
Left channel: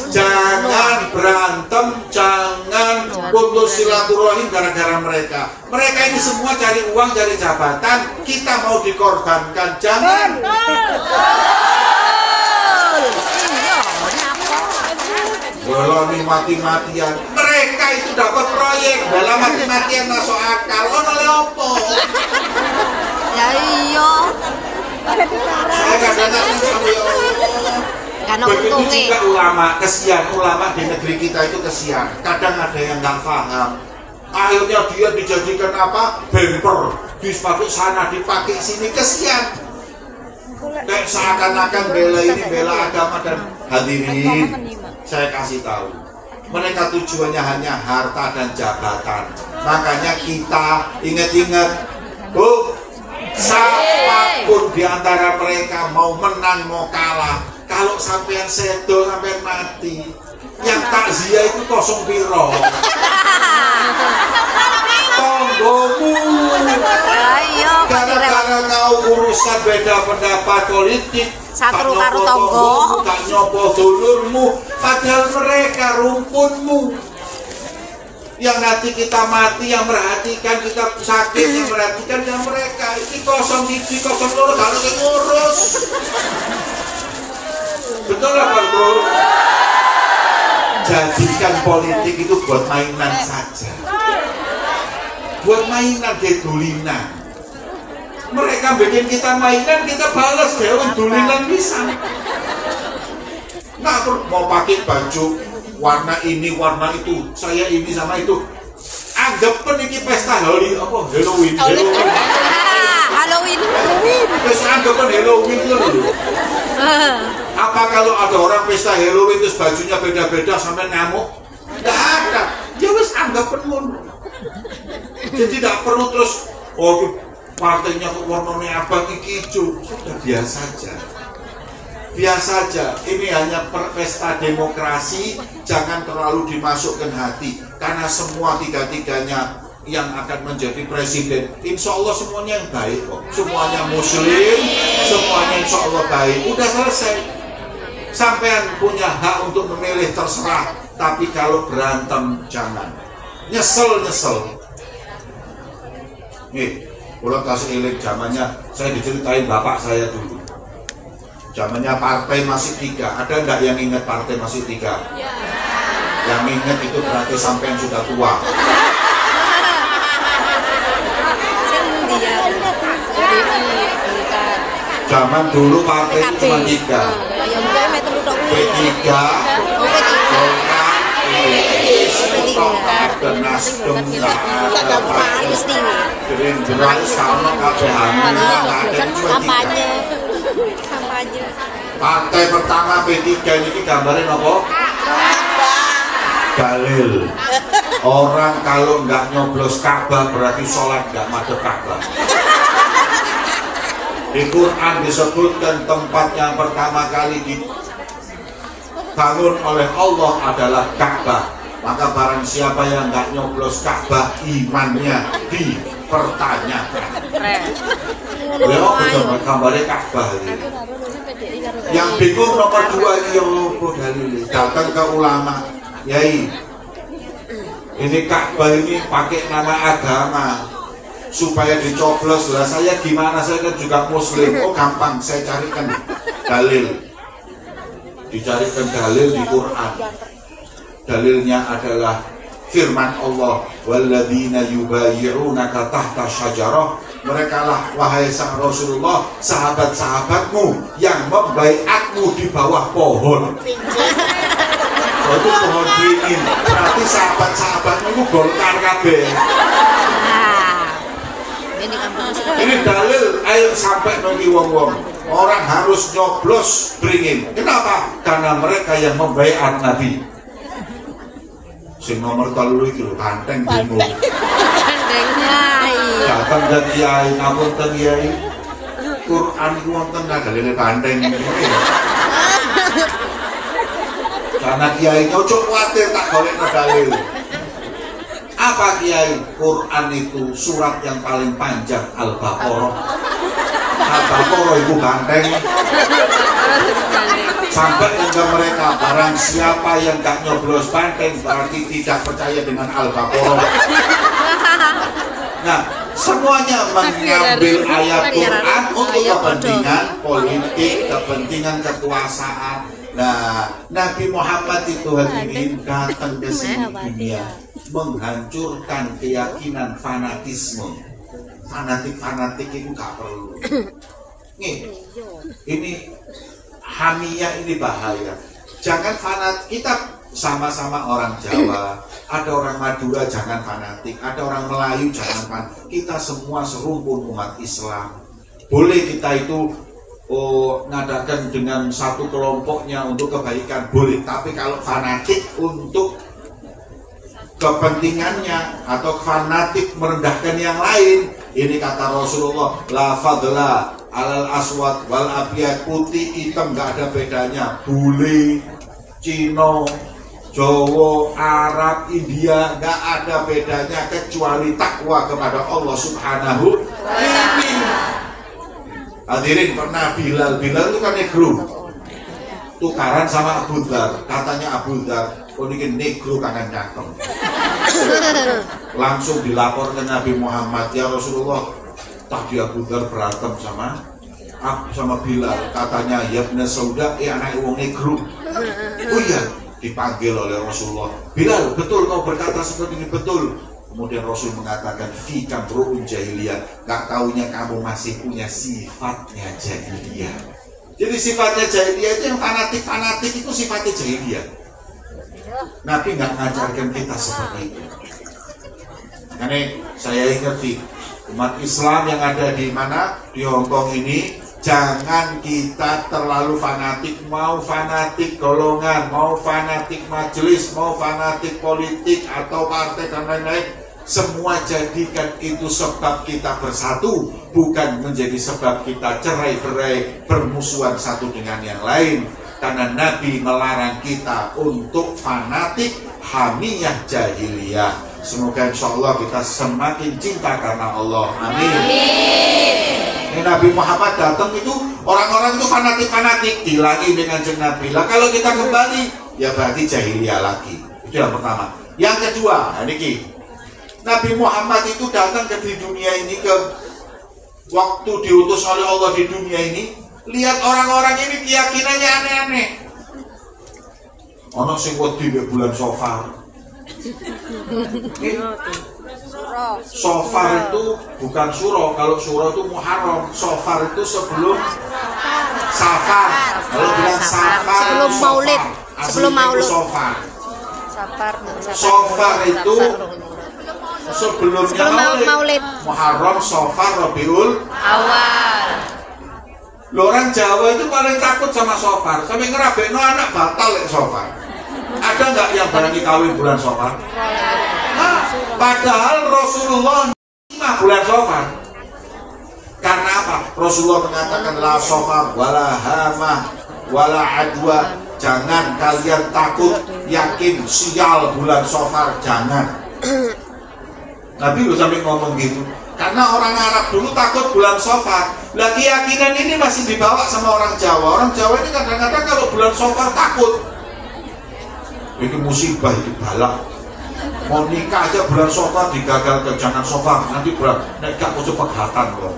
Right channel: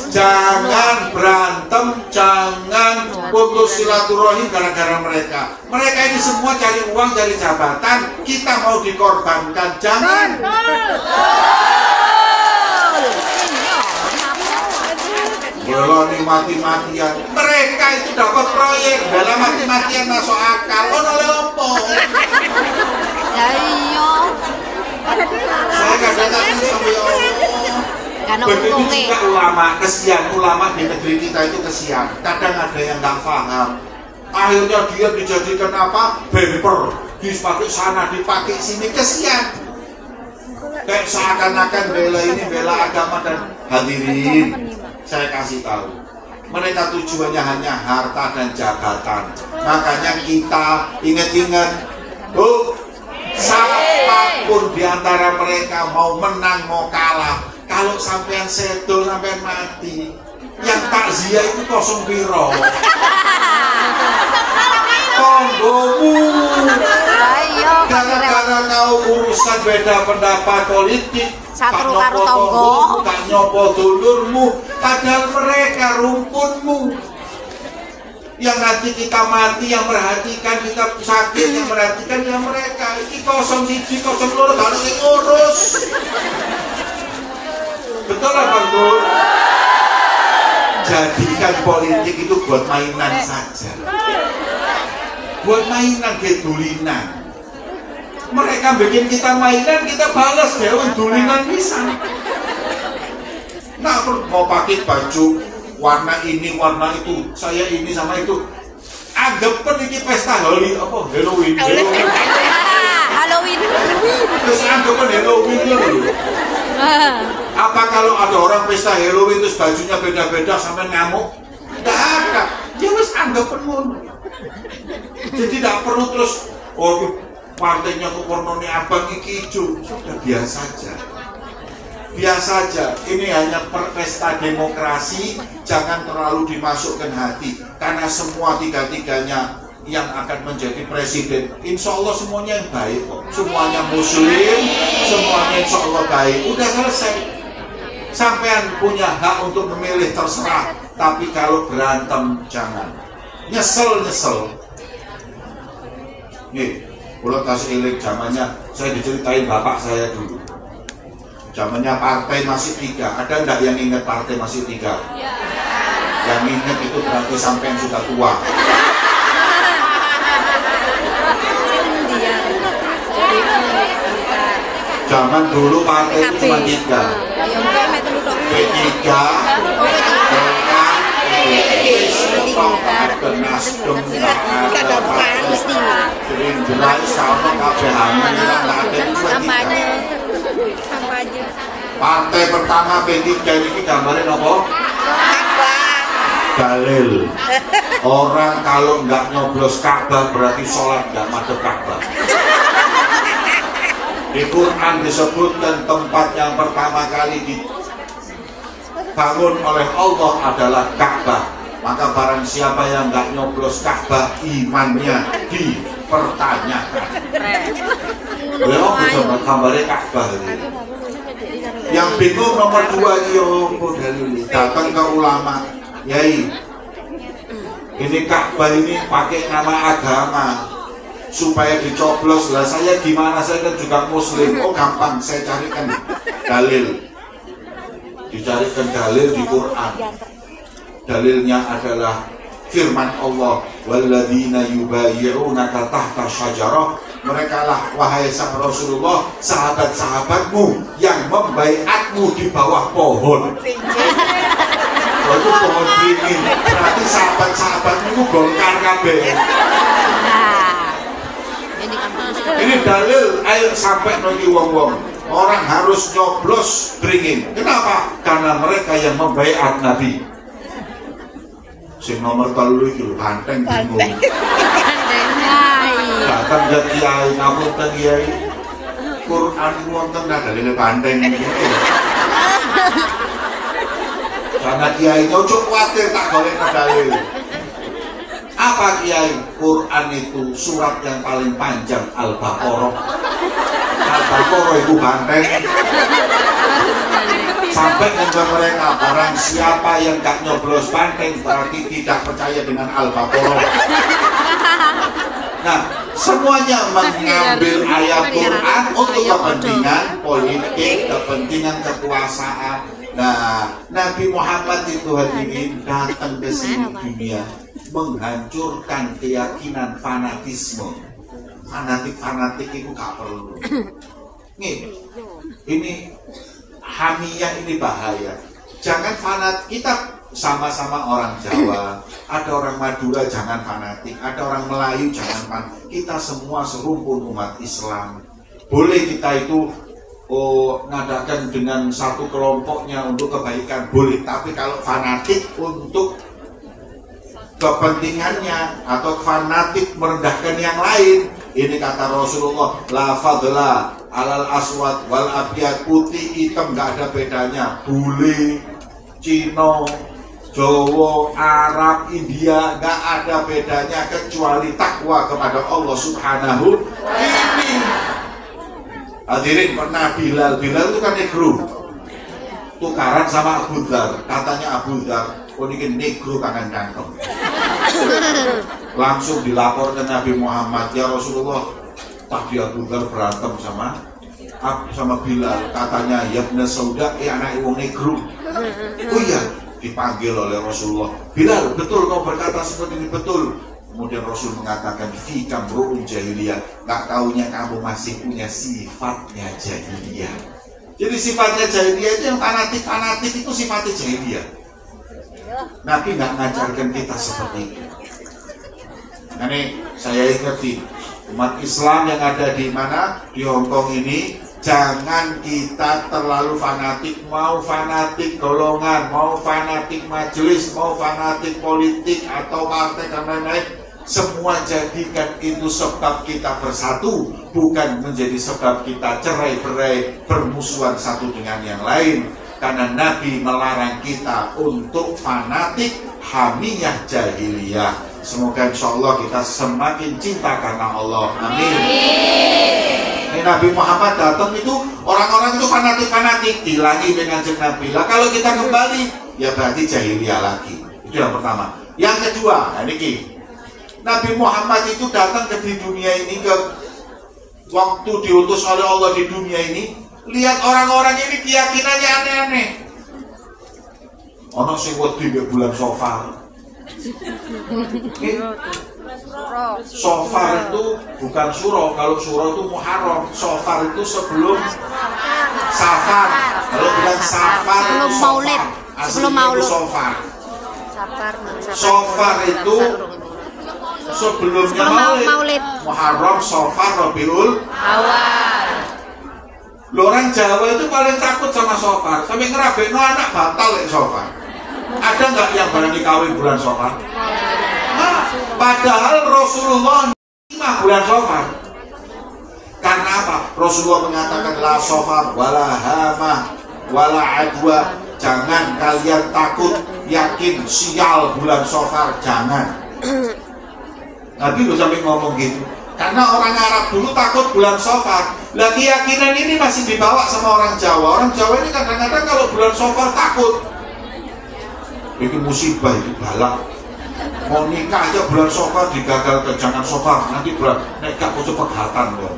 Jangan berantem, jangan putus silaturahim gara-gara mereka. Mereka ini semua cari uang, cari jabatan. Kita mau dikorbankan, jangan. Beloni mati-matian. Mereka itu dapat proyek, dalam mati-matian masuk akal. Kok oleh opo? Ya iya. Saya kadang-kadang sama ya begitu juga ulama, kesian ulama di negeri kita itu kesian. Kadang ada yang nggak paham. Akhirnya dia dijadikan apa? Bemper, dipakai sana, dipakai sini, kesian. Kayak seakan-akan bela ini, bela agama dan hadirin. Saya kasih tahu, mereka tujuannya hanya harta dan jabatan. Makanya kita ingat-ingat, tuh, siapapun di antara mereka mau menang mau kalah, kalau sampean sedo sampean mati, yang takziah itu kosong piro. Tonggomu, gara-gara kau urusan beda pendapat politik, satu karo tonggo, tak nyopo dulurmu, padahal mereka rumpunmu. Yang nanti kita mati, yang merhatikan, kita sakit, yang merhatikan yang mereka. Ini 01, 02, kalau yang ngurus. Betul apa betul? Jadikan politik itu buat mainan saja. Buat mainan, gedulinan. Mereka bikin kita mainan, kita balas dewan dulinan bisa. Nggak perlu mau pakai baju warna ini, warna itu, saya ini sama itu. Anggap ini pesta Halloween. Terus anggap Halloween dulu. Apa kalau ada orang pesta Halloween terus bajunya beda-beda sampai ngamuk? Tidak ada. Ya wis anggap pun. Jadi tidak perlu terus partainya kok warnanya abang iki hijau. Sudah biasa saja. Biasa saja. Ini hanya pesta demokrasi, jangan terlalu dimasukkan hati. Karena semua tiga-tiganya yang akan menjadi presiden, insya Allah semuanya yang baik kok. Semuanya muslim, semuanya insya Allah baik. Udah selesai. Sampean punya hak untuk memilih, terserah. Tapi kalau berantem jangan. Nyesel. Nih, kalau kasih ilik zamannya, saya diceritain bapak saya dulu. Zamannya partai masih 3. Ada nggak yang ingat partai masih 3? Yang ingat itu berarti sampean sudah tua. Zaman dulu partai itu cuma 3. P3, Golkar, ada Nasdem, ada Partai Gerindra, sama KPH, cuma 3. Partai pertama P3 ini gambarin apa? Dalil. Orang kalau nggak nyoblos Ka'bah berarti sholat nggak madhep Ka'bah. Di Quran disebutkan tempat yang pertama kali dibangun oleh Allah adalah Ka'bah. Maka barang siapa yang nggak nyoblos Ka'bah, imannya dipertanyakan. Beliau betul gambarnya Ka'bah. Yang bingung nomor 2 ini apa dalil? Datang ke ulama, Yai, ini Ka'bah ini pakai nama agama supaya dicoblos lah. Saya gimana? Saya kan juga muslim. Oh gampang, saya carikan dalil. Dicarikan dalil di Quran. Dalilnya adalah firman Allah, walladzina yubayyi'unaka tahta syajarah. Mereka lah wahai sang Rasulullah, sahabat-sahabatmu yang membaiatmu di bawah pohon. Oh, itu pohon beringin. Berarti sahabat-sahabatmu itu Golkar kabeh. Ini dalil ayo sampai nongi wong-wong. Orang harus nyoblos beringin. Kenapa? Karena mereka yang membaiat Nabi. Sing nomor 3 iki lho banteng bingung. Datang ke kiai, ngapunten kiai. Quran iku wonten daline banteng iki. Karena kiai ojo kuwatir tak golekno dalil. Apa kiai? Quran itu surat yang paling panjang Al-Baqarah. Al-Baqarah itu banteng. Sampai dengan mereka, barang siapa yang gak nyoblos banteng berarti tidak percaya dengan Al-Baqarah. Nah, semuanya mengambil ayat Quran untuk kepentingan politik, kepentingan kekuasaan. Nah, Nabi Muhammad itu hadirin datang ke sini dunia menghancurkan keyakinan fanatisme. Fanatik itu gak perlu. Nih, ini hamiyah ini bahaya. Jangan fanatik. Kita sama-sama orang Jawa, ada orang Madura jangan fanatik, ada orang Melayu jangan fanatik. Kita semua serumpun umat Islam. Boleh kita itu ngadakan dengan satu kelompoknya untuk kebaikan, boleh. Tapi kalau fanatik untuk kepentingannya atau fanatik merendahkan yang lain, ini kata Rasulullah, la fadla alal aswad wal abyad, putih hitam gak ada bedanya. Bule, Cina, Jawa, Arab, India gak ada bedanya kecuali takwa kepada Allah Subhanahu. Ini hadirin, pernah Bilal itu kan negro, tukaran sama Abu Dhar. Katanya Abu Dhar, kok ini negro kangen cangkem. Langsung dilapor ke Nabi Muhammad, ya Rasulullah, tadi Abu Dhar berantem sama Bilal. Katanya, ya benar sauda, anak wong negro. Oh iya, dipanggil oleh Rasulullah. Bilal, betul kau berkata seperti ini, betul. Kemudian Rasul mengatakan, fikam ru'un jahiliyah. Gak taunya kamu masih punya sifatnya jahiliyah. Jadi sifatnya jahiliyah itu yang fanatik itu sifatnya jahiliyah. Nabi nggak mengajarkan kita seperti itu. Ini saya ingetin umat Islam yang ada di mana, di Hongkong ini, jangan kita terlalu fanatik. Mau fanatik golongan, mau fanatik majelis, mau fanatik politik atau partai dan lain-lain, semua jadikan itu sebab kita bersatu, bukan menjadi sebab kita cerai-berai, bermusuhan satu dengan yang lain. Karena Nabi melarang kita untuk fanatik, hamiyah jahiliyah. Semoga insya Allah kita semakin cinta karena Allah. Amin. Ini Nabi Muhammad datang itu, orang-orang itu fanatik-fanatik, dilangi dengan Nabi. Lah kalau kita kembali, ya berarti jahiliyah lagi. Itu yang pertama. Yang kedua, ini Nabi Muhammad itu datang ke di dunia ini, ke waktu diutus oleh Allah di dunia ini. Lihat orang-orang ini keyakinannya aneh-aneh. Ono sing wedi bulan Safar. Safar itu bukan suro. Kalau suro itu Muharram. Safar itu sebelum Safar. Kalau bilang Safar sebelum itu Maulid. Sebelum Maulid. Safar itu sebelumnya Maulid. Muharram, Safar, Rabiul Awal. Orang Jawa itu paling takut sama Safar, sampai ngerabekno anak batal ya Safar. Ada nggak yang berani kawin bulan Safar? Nah, padahal Rasulullah 5 bulan Safar. Karena apa? Rasulullah mengatakan la Safar wala hamah wala adwa. Jangan kalian takut yakin sial bulan Safar, jangan. Nabi lu sampai ngomong gitu. Karena orang Arab dulu takut bulan Safar. Lah keyakinan ini masih dibawa sama orang Jawa. Orang Jawa ini kadang-kadang kalau bulan Safar takut. Itu musibah, itu balak. Mau nikah aja bulan Safar digagal ke jangan Safar, nanti bulan nikah itu pegatan dong.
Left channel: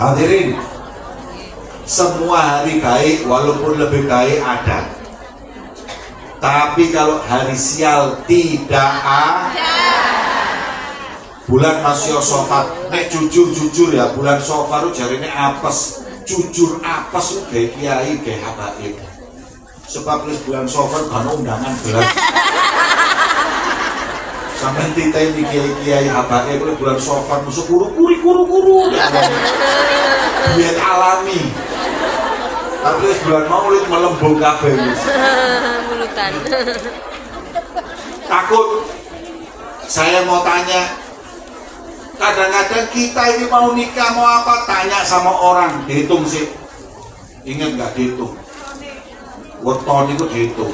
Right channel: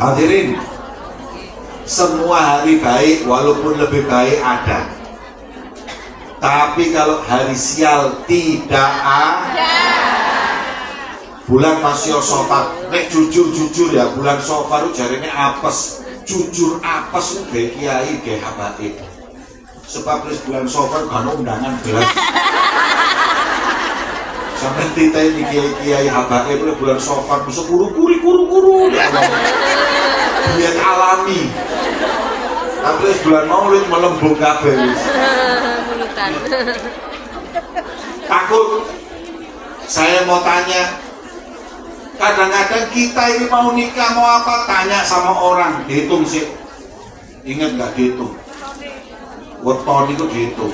Hadirin, semua hari baik walaupun lebih baik ada. Tapi kalau hari sial tidak ada. Bulan masih Safar, nek jujur ya bulan Safar itu jarene apes, jujur apes itu kayak kiai kayak habaib. Sebab wis bulan Safar kan undangan belas. Sampai kita ini kiai habaib bulan Safar musuh kuru. Dia alami. Tapi wis bulan Maulid melembung kabeh wis. Takut. Saya mau tanya, kadang-kadang kita ini mau nikah mau apa tanya sama orang, dihitung sih. Ingat nggak dihitung? Weton itu dihitung.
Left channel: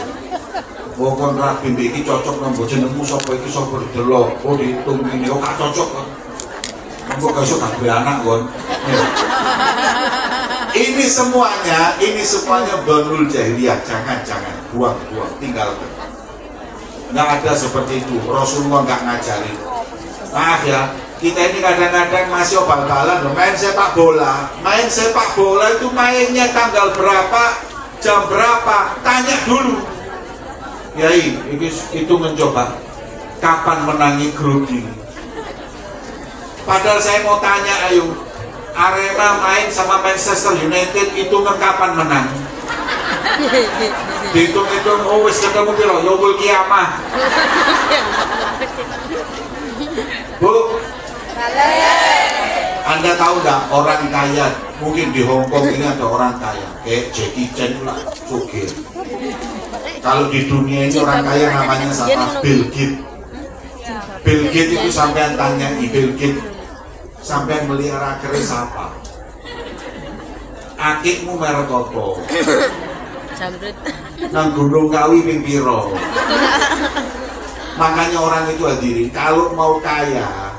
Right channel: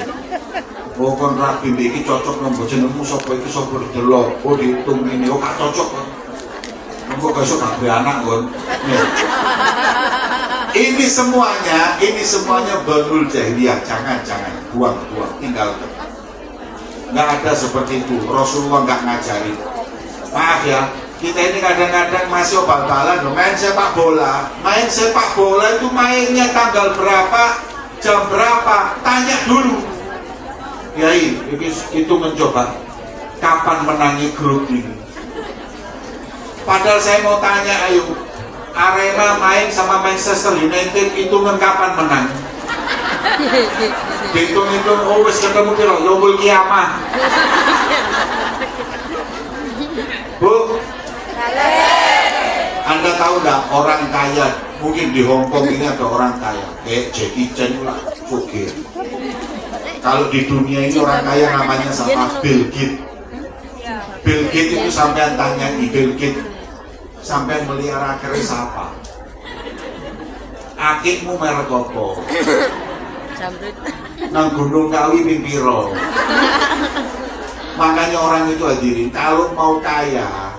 Oh kan rapi iki cocok nang jenengmu sapa iki sapa didelok. Oh dihitung ini oh gak cocok. Engko besok gak duwe anak kon. Ini semuanya banul jahiliyah. Jangan buang, tinggalkan. Nggak ada seperti itu. Rasulullah nggak ngajarin. Maaf ya, kita ini kadang-kadang masih bal-balan main sepak bola. Main sepak bola itu mainnya tanggal berapa, jam berapa, tanya dulu. Yai, itu mencoba kapan menangi grup ini. Padahal saya mau tanya, ayo Arema main sama Manchester United itu kapan menang? Hitung-hitung, oh wes ketemu kira yaumul kiamah. Bu, Anda tahu nggak orang kaya? Mungkin di Hongkong ini ada orang kaya, kayak Jackie Chan lah, oke. Kalau di dunia ini orang kaya namanya siapa? Bill Gates. Bill Gates itu sampean tanya Bill Gates, sampean melihara keris apa? Akikmu merek apa? Nang Gunung Kawi ping piro. Makanya orang itu hadirin, kalau mau kaya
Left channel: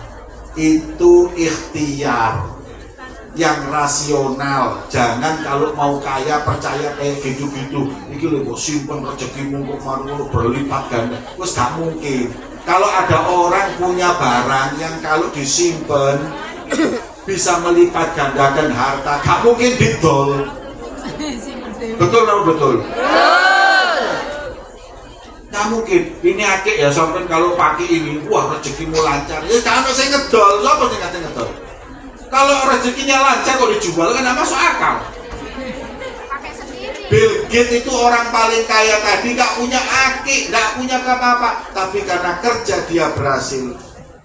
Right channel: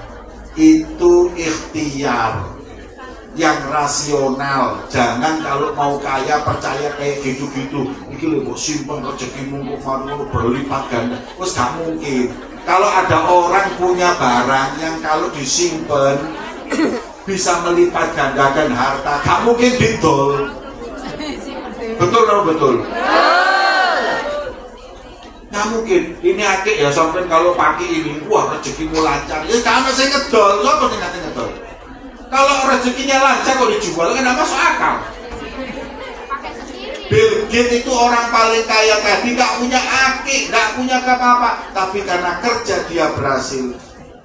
itu ikhtiar yang rasional. Jangan kalau mau kaya percaya kayak gitu-gitu. Iki lho kok simpen rezekimu kok maru berlipat ganda. Wes gak mungkin. Kalau ada orang punya barang yang kalau disimpan bisa melipat gandakan harta, gak mungkin didol. Betul atau betul? Nggak mungkin. Ini akik ya sampai kalau pakai ini, wah rezekimu lancar. Ya kamu saya ngedol, siapa yang ngerti ngedol? Kalau rezekinya lancar kok dijual kan nggak masuk akal. Bill Gates itu orang paling kaya tadi, nggak punya akik, nggak punya apa-apa, tapi karena kerja dia berhasil.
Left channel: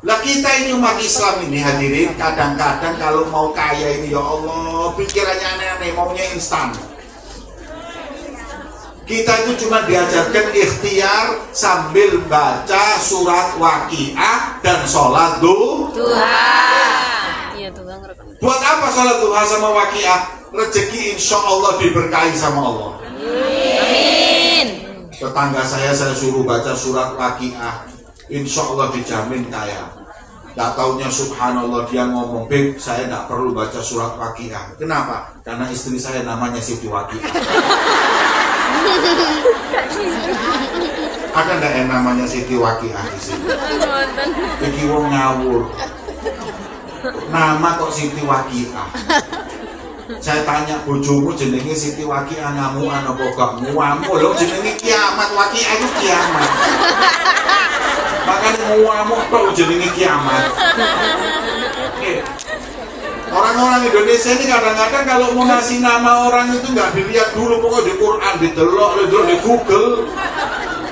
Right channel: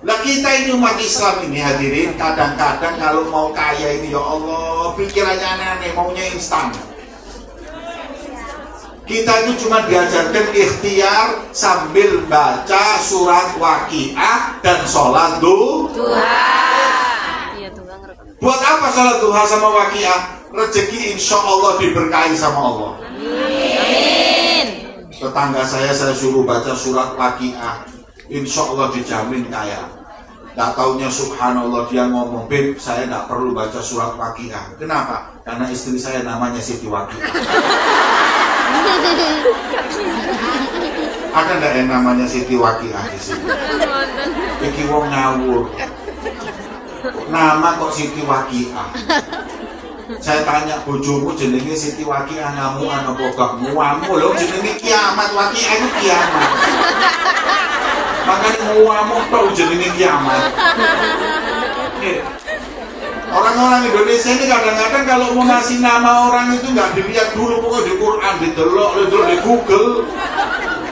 Lah kita ini umat Islam ini hadirin, kadang-kadang kalau mau kaya ini ya Allah pikirannya aneh-aneh, maunya instan. Kita itu cuma diajarkan ikhtiar sambil baca surat Waqiah dan sholat duha. Buat apa sholat duha sama Waqiah? Rezeki insya Allah diberkahi sama Allah. Amin. Tetangga saya suruh baca surat Waqiah, insya Allah dijamin kaya. Tak taunya subhanallah dia ngomong, Beb saya tidak perlu baca surat Waqiah. Kenapa? Karena istri saya namanya Siti Waqiah. Ada nggak yang namanya Siti Waqiah di sini? Iki wong ngawur. Nama kok Siti Waqiah? Saya tanya bojomu jenenge Siti Waqiah ngamuan apa gak nguamu? Lho jenenge kiamat, Waqiah itu kiamat. Makanya nguamu tok jenenge kiamat. Orang-orang Indonesia ini kadang-kadang kalau mau ngasih nama orang itu nggak dilihat dulu, pokoknya di Quran didelok di Google.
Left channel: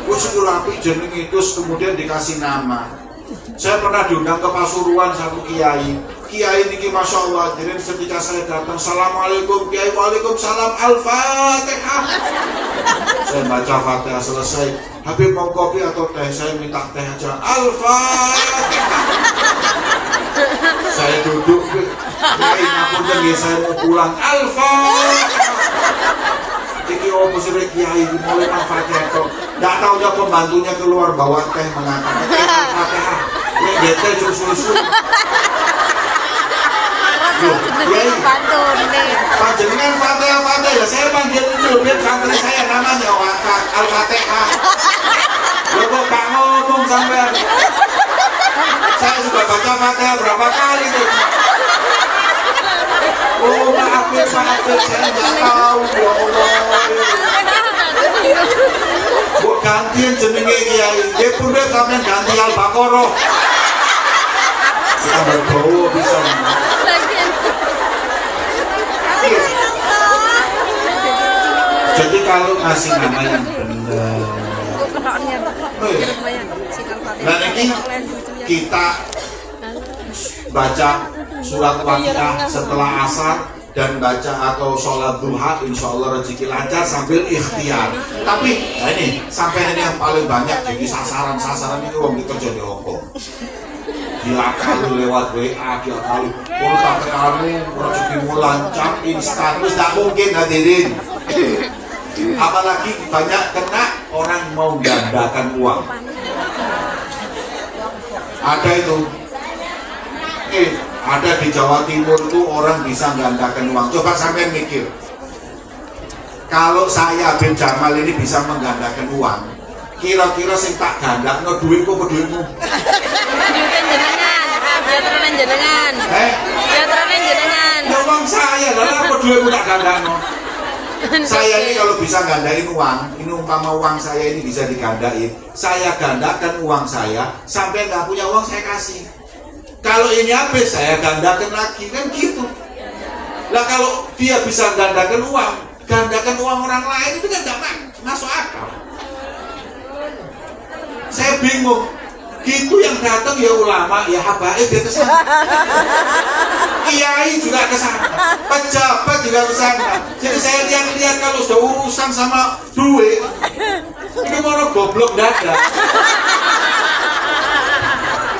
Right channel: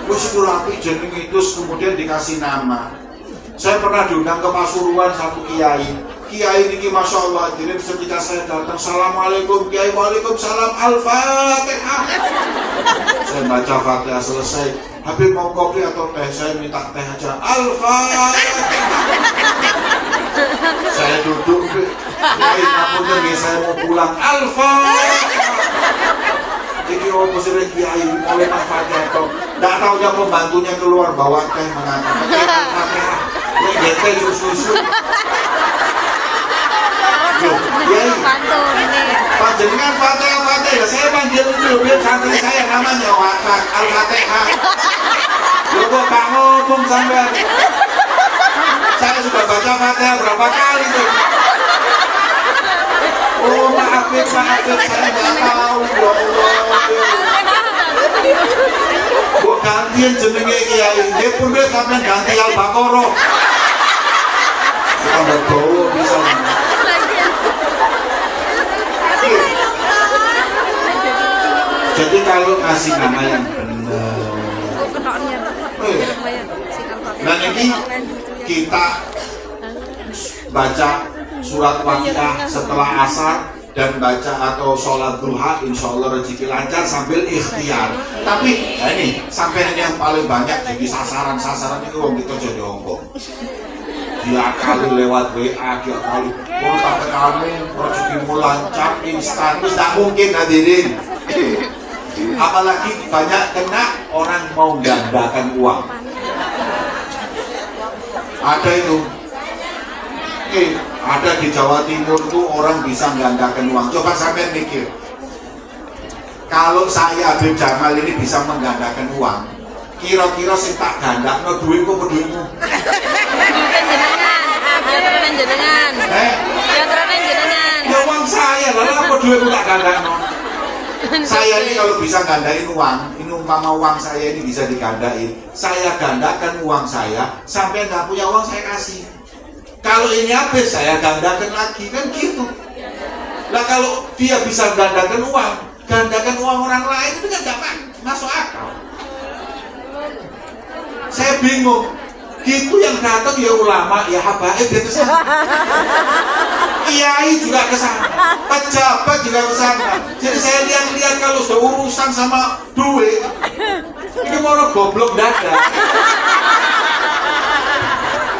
Terus itu rapi jenenge terus kemudian dikasih nama. Saya pernah diundang ke Pasuruan satu kiai. Kiai ini masya Allah. Jadi ketika saya datang, assalamualaikum kiai, waalaikumsalam, al-fatihah. Saya baca fatihah selesai. Habib mau kopi atau teh? Saya minta teh aja. Al-fatihah. Saya duduk. Kiai ngapunten saya mau pulang. Al-fatihah. Ini opo sih kiai mulai Fatihah to. Enggak taunya pembantunya keluar bawa teh mengatakan Fatihah. Nek dete susu. Panjenengan Fatihah, saya panggil itu biar santri saya namanya Al-Fatihah. Lo kok gak ngomong sampai? Saya sudah baca Fatihah berapa kali tuh. Oh maaf, saya nggak tahu. Kok gantian jenenge kiai? Dia pun dia sampai ganti Al-Baqarah. Tambah bawa bisa. Jadi kalau kasih nama yang benar, nah ini kita baca surat Waqiah setelah asar dan baca atau sholat duha, insya Allah rezeki lancar sambil ikhtiar. Tapi ya ini sampai ini yang paling banyak jadi sasaran itu orang kita jadi opo. Dia kali lewat WA, dia kali tak kamu rezekimu lancar instan, terus tak mungkin hadirin. Apalagi banyak kena orang mau gandakan uang. Ada itu. Ada di Jawa Timur itu orang bisa menggandakan uang. Coba sampai mikir, kalau saya Habib Jamal ini bisa menggandakan uang, kira-kira sing tak ganda no duit kok duitmu? Ya uang saya, lalu apa duitmu tak ganda no? Saya ini kalau bisa gandain uang, ini umpama uang saya ini bisa digandain, saya gandakan uang saya, sampai nggak punya uang saya kasih. Kalau ini habis saya gandakan lagi, kan gitu. Lah kalau dia bisa gandakan uang orang lain itu kan nggak masuk akal. Saya bingung. Gitu yang datang ya ulama, ya habaib dia kesana. Kiai juga kesana, pejabat juga kesana. Jadi saya lihat kalau sudah urusan sama duit, ini mau goblok dada.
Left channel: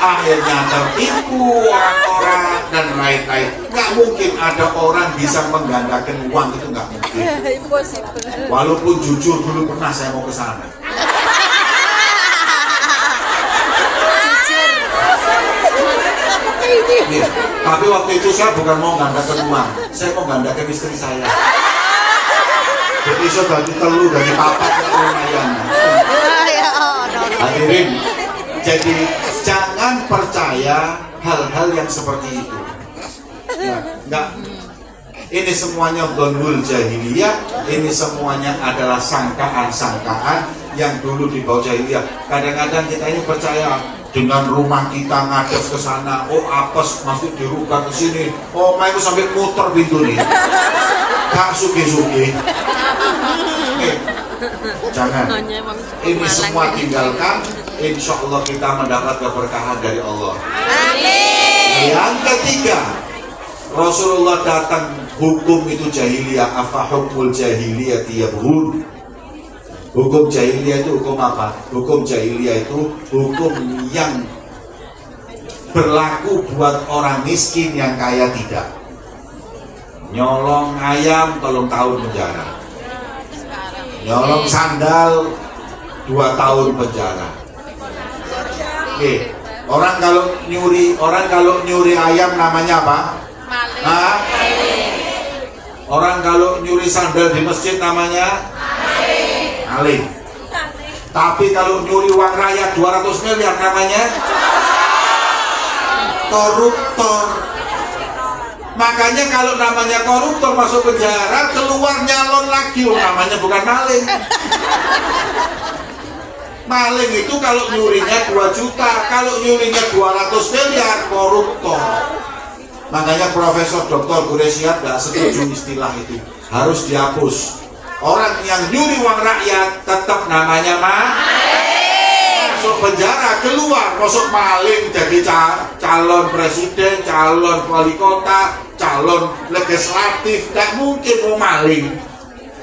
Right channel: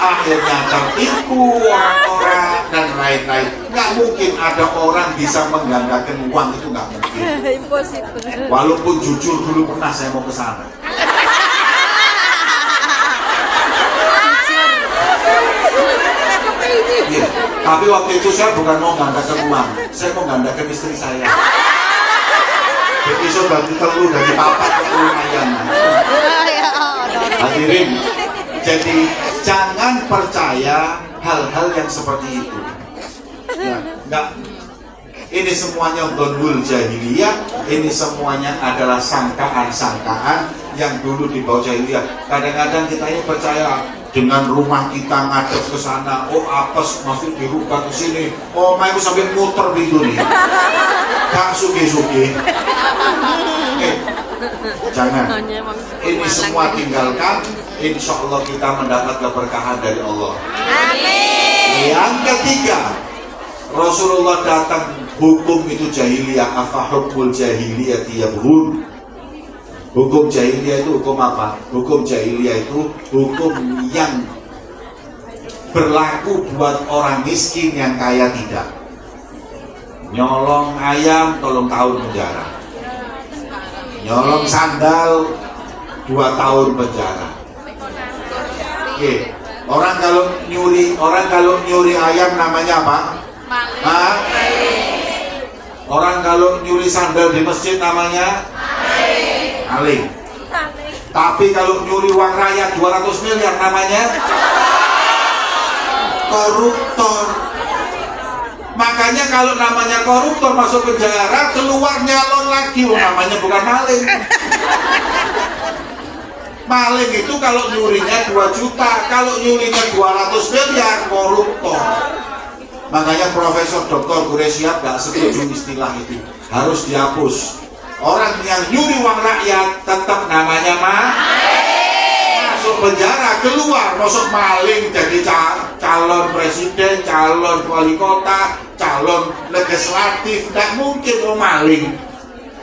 Akhirnya tertipu orang-orang dan lain-lain. Nggak mungkin ada orang bisa menggandakan uang, itu nggak mungkin. Walaupun jujur dulu pernah saya mau ke sana. Tapi waktu itu saya bukan mau gandakan uang, saya mau gandakan istri saya. Jadi saya bagi telur dari papat lumayan. Hadirin, jadi jangan percaya hal-hal yang seperti itu. Ya, enggak. Ini semuanya dhonul jahiliyah, ini semuanya adalah sangkaan-sangkaan yang dulu dibawa jahiliyah. Kadang-kadang kita ini percaya dengan rumah kita ngadep ke sana, oh apes masuk dirubah ke sini, oh mau sampai muter pintu nih, gak sugi-sugi. Jangan, ini semua tinggalkan. Insya Allah kita mendapat keberkahan dari Allah. Amin. Yang ketiga, Rasulullah datang, hukum itu jahiliyah, afa hukmul jahiliyah yabghun. Hukum jahiliyah itu hukum apa? Hukum jahiliyah itu hukum yang berlaku buat orang miskin yang kaya tidak. Nyolong ayam 3 tahun penjara. Nyolong sandal 2 tahun penjara. Oke. Orang kalau nyuri ayam namanya apa? Orang kalau nyuri sandal di masjid namanya maling. Tapi kalau nyuri uang rakyat 200 miliar namanya koruptor. Makanya kalau namanya koruptor masuk penjara, keluar nyalon lagi, namanya bukan maling. Maling itu kalau nyurinya 2 juta, kalau nyurinya 200 miliar, koruptor. Makanya Profesor Dr. Quraisyat gak setuju istilah itu, harus dihapus. Orang yang nyuri uang rakyat tetap namanya maling. Masuk penjara, keluar masuk maling, jadi calon presiden, calon wali kota, calon legislatif, tidak mungkin mau maling.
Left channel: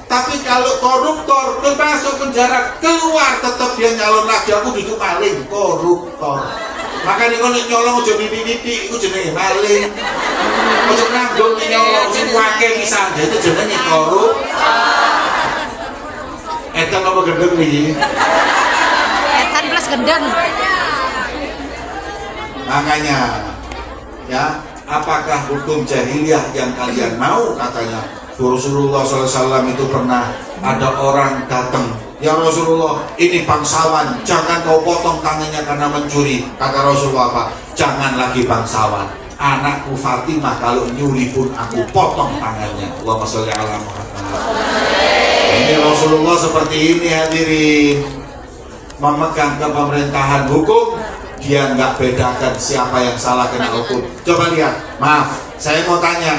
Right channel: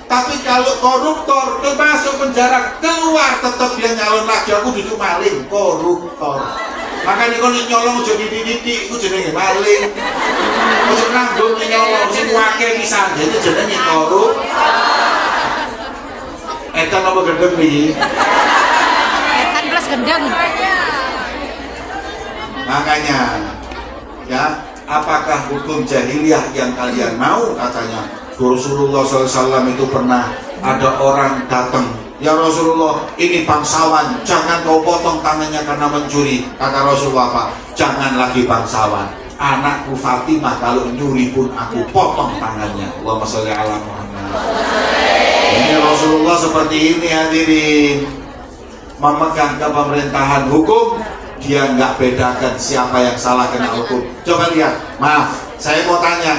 Tapi kalau koruptor tuh masuk penjara, keluar tetap dia nyalon lagi, aku duduk maling, koruptor. Makanya kalau nyolong udah dididik, itu jenenge maling. Untuk nanggung nyolong, itu wakil bisa, itu jenenge koruptor. Edan apa gendeng nih? Edan plus gendeng. Makanya, ya, apakah hukum jahiliyah yang kalian mau? Katanya Rasulullah SAW itu pernah ada orang datang, ya Rasulullah, ini bangsawan, jangan kau potong tangannya karena mencuri. Kata Rasulullah apa? Jangan lagi bangsawan, anakku Fatimah kalau nyuri pun aku potong tangannya. Allahumma sholli ala Muhammad. Ini Rasulullah seperti ini hadirin, memegang kepemerintahan hukum. Dia nggak bedakan siapa yang salah kena hukum. Coba lihat, maaf, saya mau tanya,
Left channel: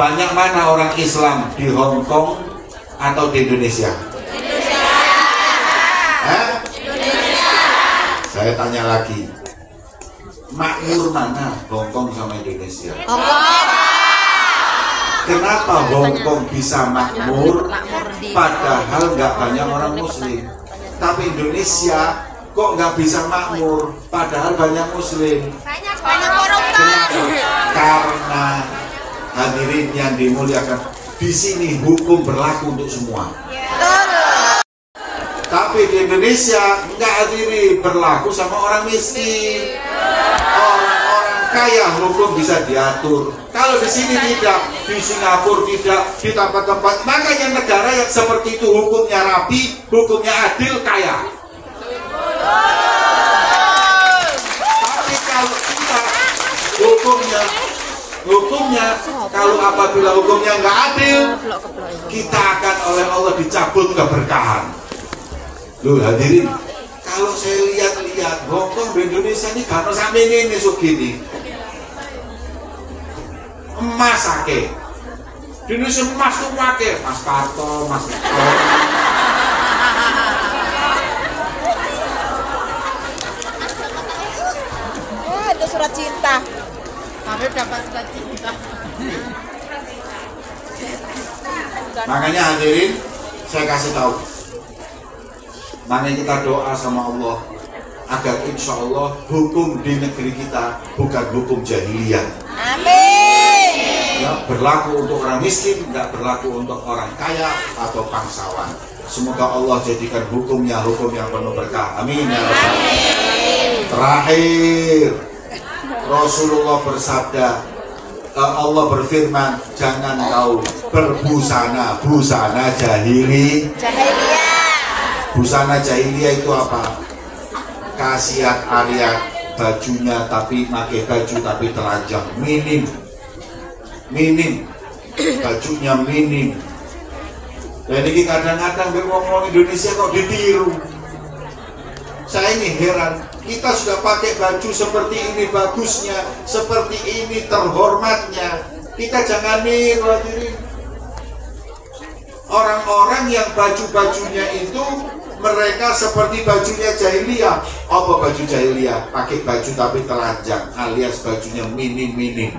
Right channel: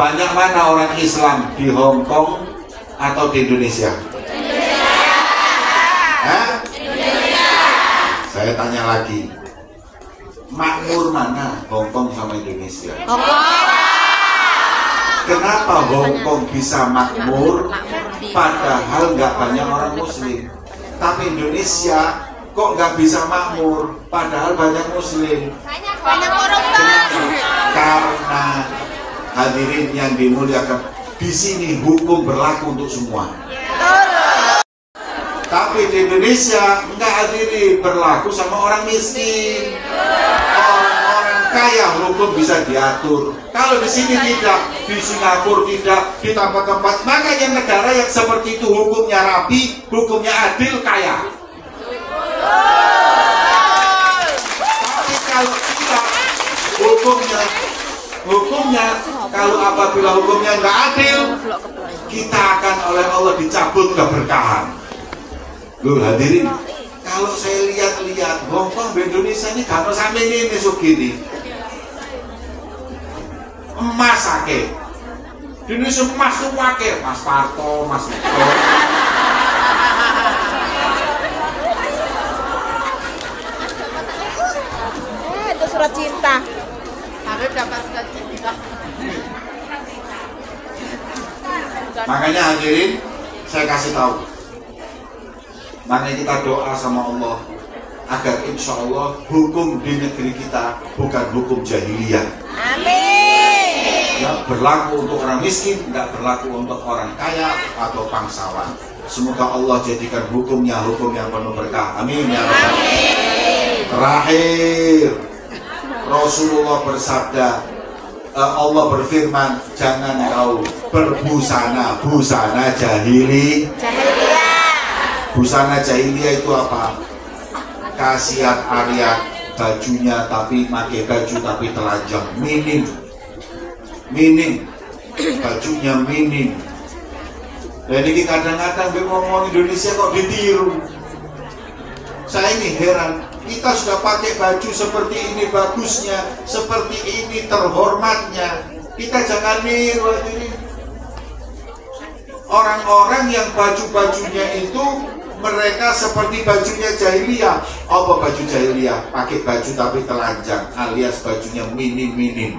banyak mana orang Islam di Hong Kong atau di Indonesia? Indonesia. Saya tanya lagi, makmur mana Hong Kong sama Indonesia? Hong Kong. Kenapa Hong Kong bisa makmur padahal nggak banyak orang Muslim, tapi Indonesia kok nggak bisa makmur padahal banyak Muslim? Banyak koruptor. Karena hadirin yang dimuliakan, di sini hukum berlaku untuk semua. Tapi di Indonesia nggak hadirin, berlaku sama orang miskin. Orang-orang kaya hukum bisa diatur. Kalau di sini tidak, di Singapura tidak, di tempat-tempat. Makanya negara yang seperti itu hukumnya rapi, hukumnya adil, kaya. Tapi kalau tidak, hukumnya kalau apabila hukumnya nggak adil, kita akan oleh Allah dicabut keberkahan. Loh hadirin, kalau saya lihat-lihat Hong Kong di Indonesia ini kalau sampai ini segini emas ake di Indonesia emas tuh wake, Mas Parto, Mas Itu surat cinta. Karena dapat surat cinta. Makanya hadirin, saya kasih tahu, mari kita doa sama Allah agar insya Allah hukum di negeri kita bukan hukum jahiliyah. Amin. Ya, berlaku untuk orang miskin, tidak berlaku untuk orang kaya atau bangsawan. Semoga Allah jadikan hukumnya hukum yang penuh berkah. Amin ya Rabbal Alamin. Terakhir, Rasulullah bersabda, Allah berfirman, jangan kau berbusana busana jahili. Busana jahiliyah itu apa? Kasiat ariat, bajunya tapi pakai baju tapi telanjang, minim, bajunya minim. Jadi kadang-kadang ngomong Indonesia kok ditiru. Saya ini heran, kita sudah pakai baju seperti ini bagusnya, seperti ini terhormatnya, kita jangan niru hadirin. Orang-orang yang baju-bajunya itu mereka seperti bajunya jahiliyah. Apa baju jahiliyah? Pakai baju tapi telanjang, alias bajunya minim.